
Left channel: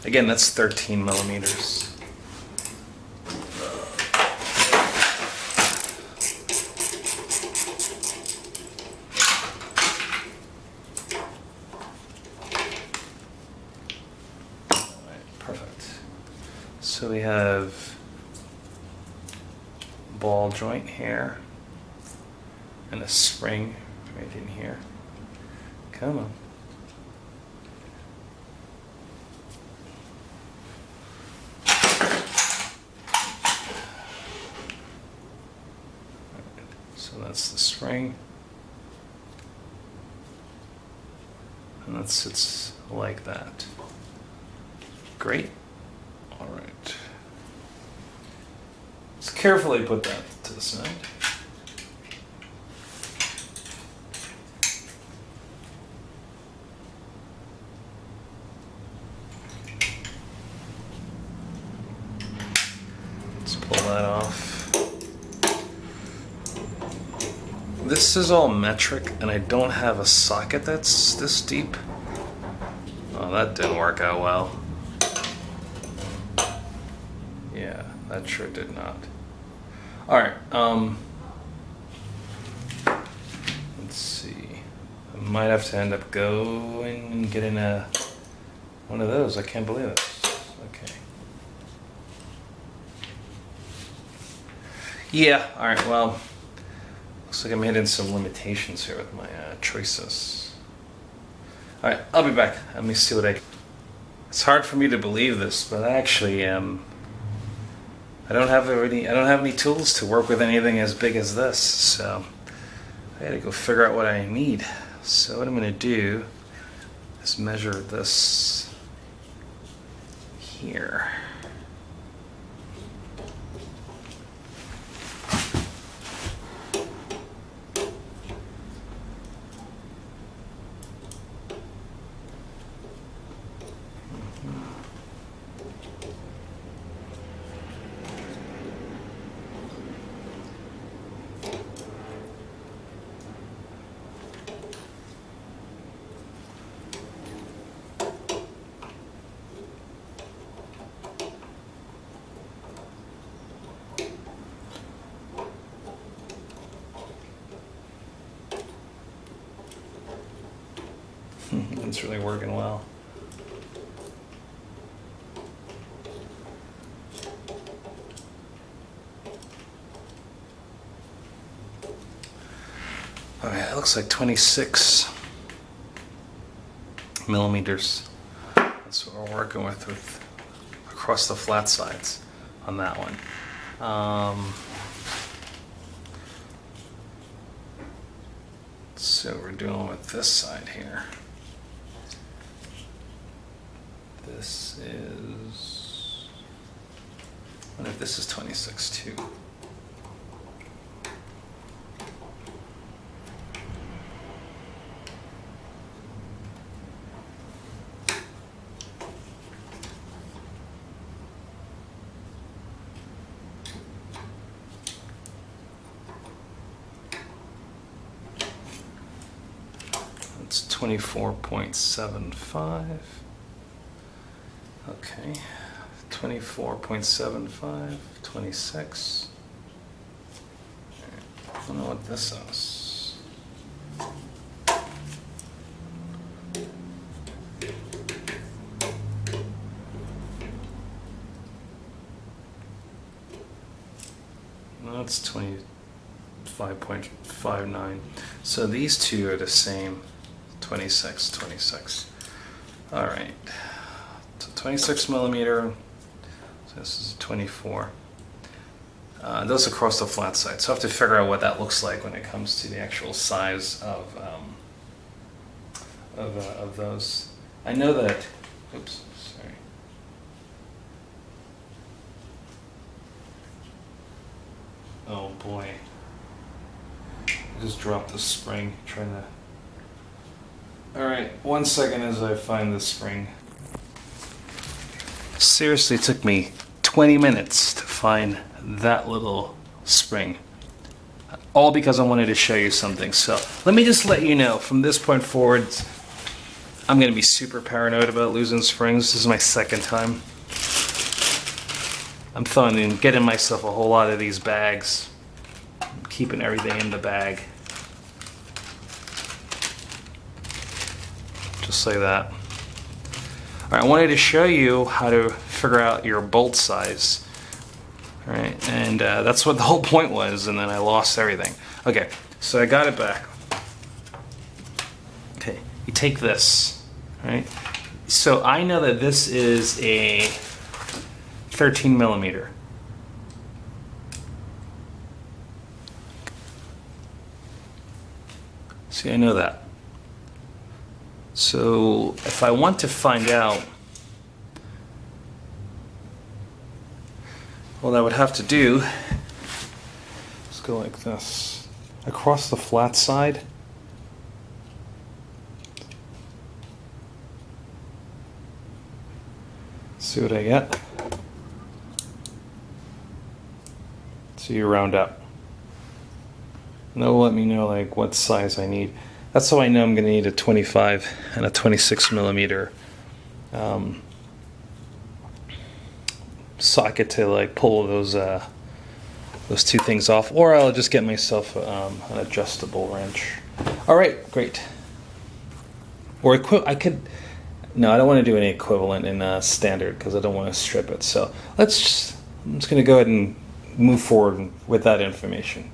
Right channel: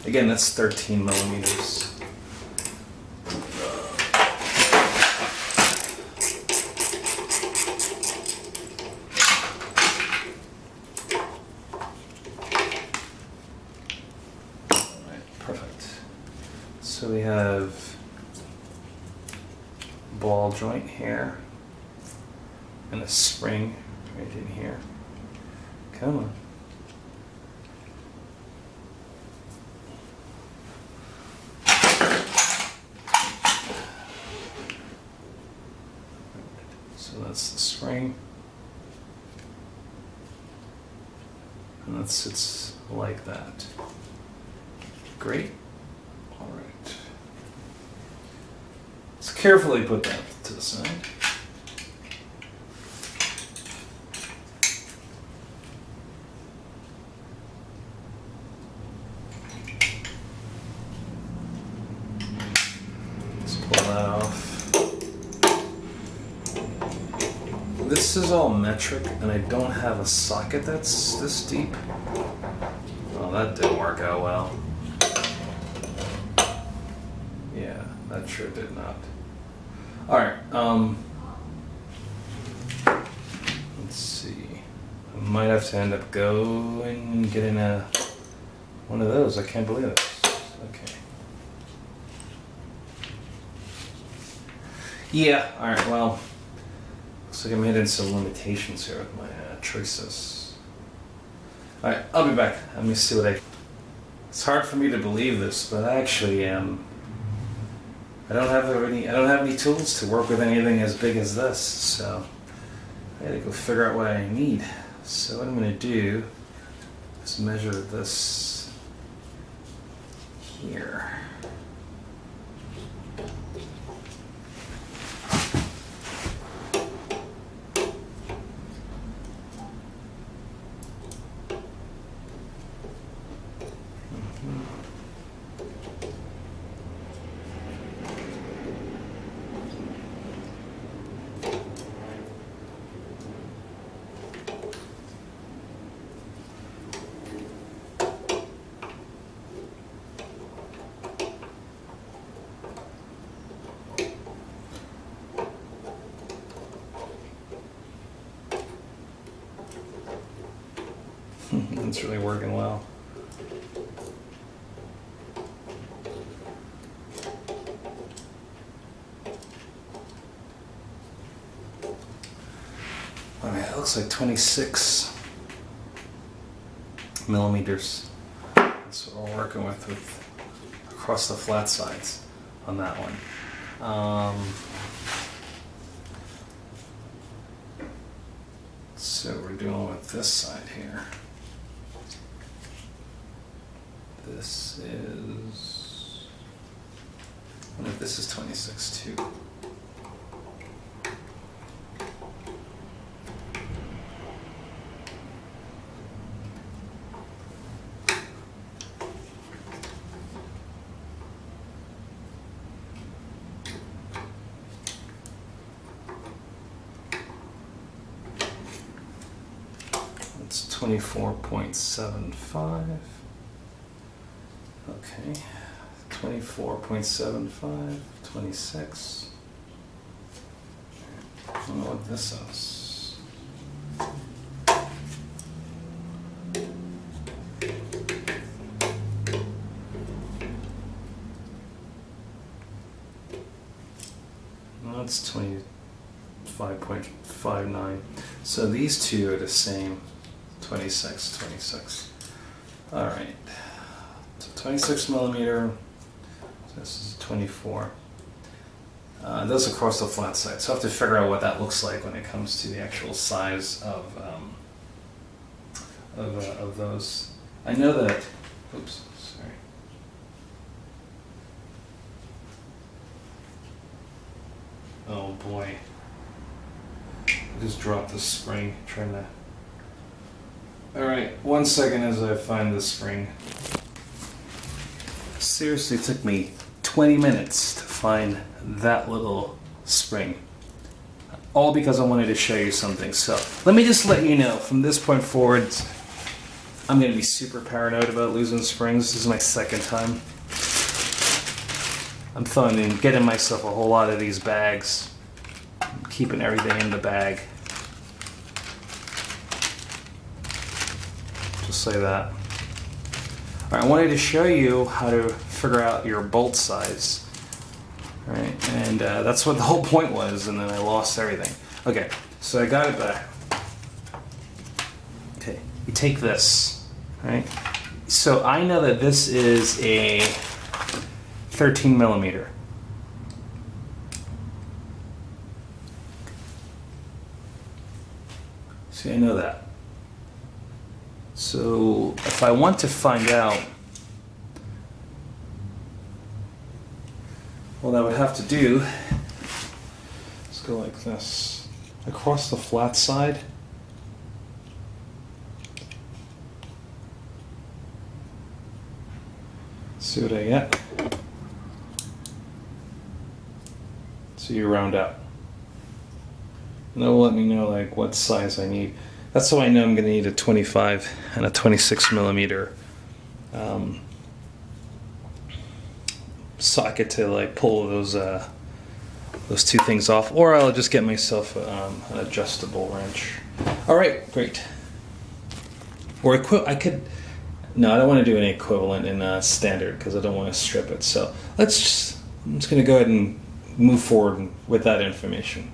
Again, that's 13 millimeters. Alright, perfect. So we have ball joint here and a spring right in here. Come on. So that's the spring, and that sits like that. Great. All right. Let's carefully put that to the side. Let's pull that off. This is all metric, and I don't have a socket that's this deep. Oh, that didn't work out well. Yeah, that sure did not. Alright, let's see. I might have to end up going and getting one of those. I can't believe it. Okay. Yeah, alright, well, looks like I'm hitting some limitations here with my choices. Alright, I'll be back. Let me see what It's hard for me to believe this, but actually, I don't have any tools to work with anything as big as this, so I gotta go figure out what I need. So what I'm gonna do is measure this here. Nothing's really working well. Alright, it looks like 26 millimeters. That's what we're working with across the flat sides on that one. So we're dealing with this side here. This is, I wonder if this is 26 too. It's 24.75. Okay, 24.75, 26. I don't know what this is. No, it's 25.59. So these two are the same. 26, 26. All right. So 26 millimeter. So this is 24. Those across the flat side. So I have to figure out what that looks like when it comes to the actual size of those. I know that. Oops, sorry. Oh boy. I just dropped the spring trying to. Alright, 1 second as I find this spring. Seriously, it took me 20 minutes to find that little spring. All because I wanted to show you something. So let me just let you know, from this point forward, I'm going to be super paranoid about losing springs. This is my second time. I'm throwing in, getting myself a whole lot of these bags. I'm keeping everything in the bag. Just like that. All right, I wanted to show you how to figure out your bolt size. All right, and that's what the whole point was, and then I lost everything. Okay, so I got it back. Okay, you take this, all right? So I know that this is a 13 millimeter. See, I know that. So if I want to find out, what I would have to do, let's go like this. Across the flat side, see what I get? So you round out. And they'll let me know like what size I need. That's how I know I'm going to need a 25 and a 26 millimeter socket to like pull those two things off, or I'll just get myself an adjustable wrench. All right, great. Or I could. No, I don't want to do an equivalent in standard because I don't want to strip it. So I'm just going to go ahead and move forward with that information.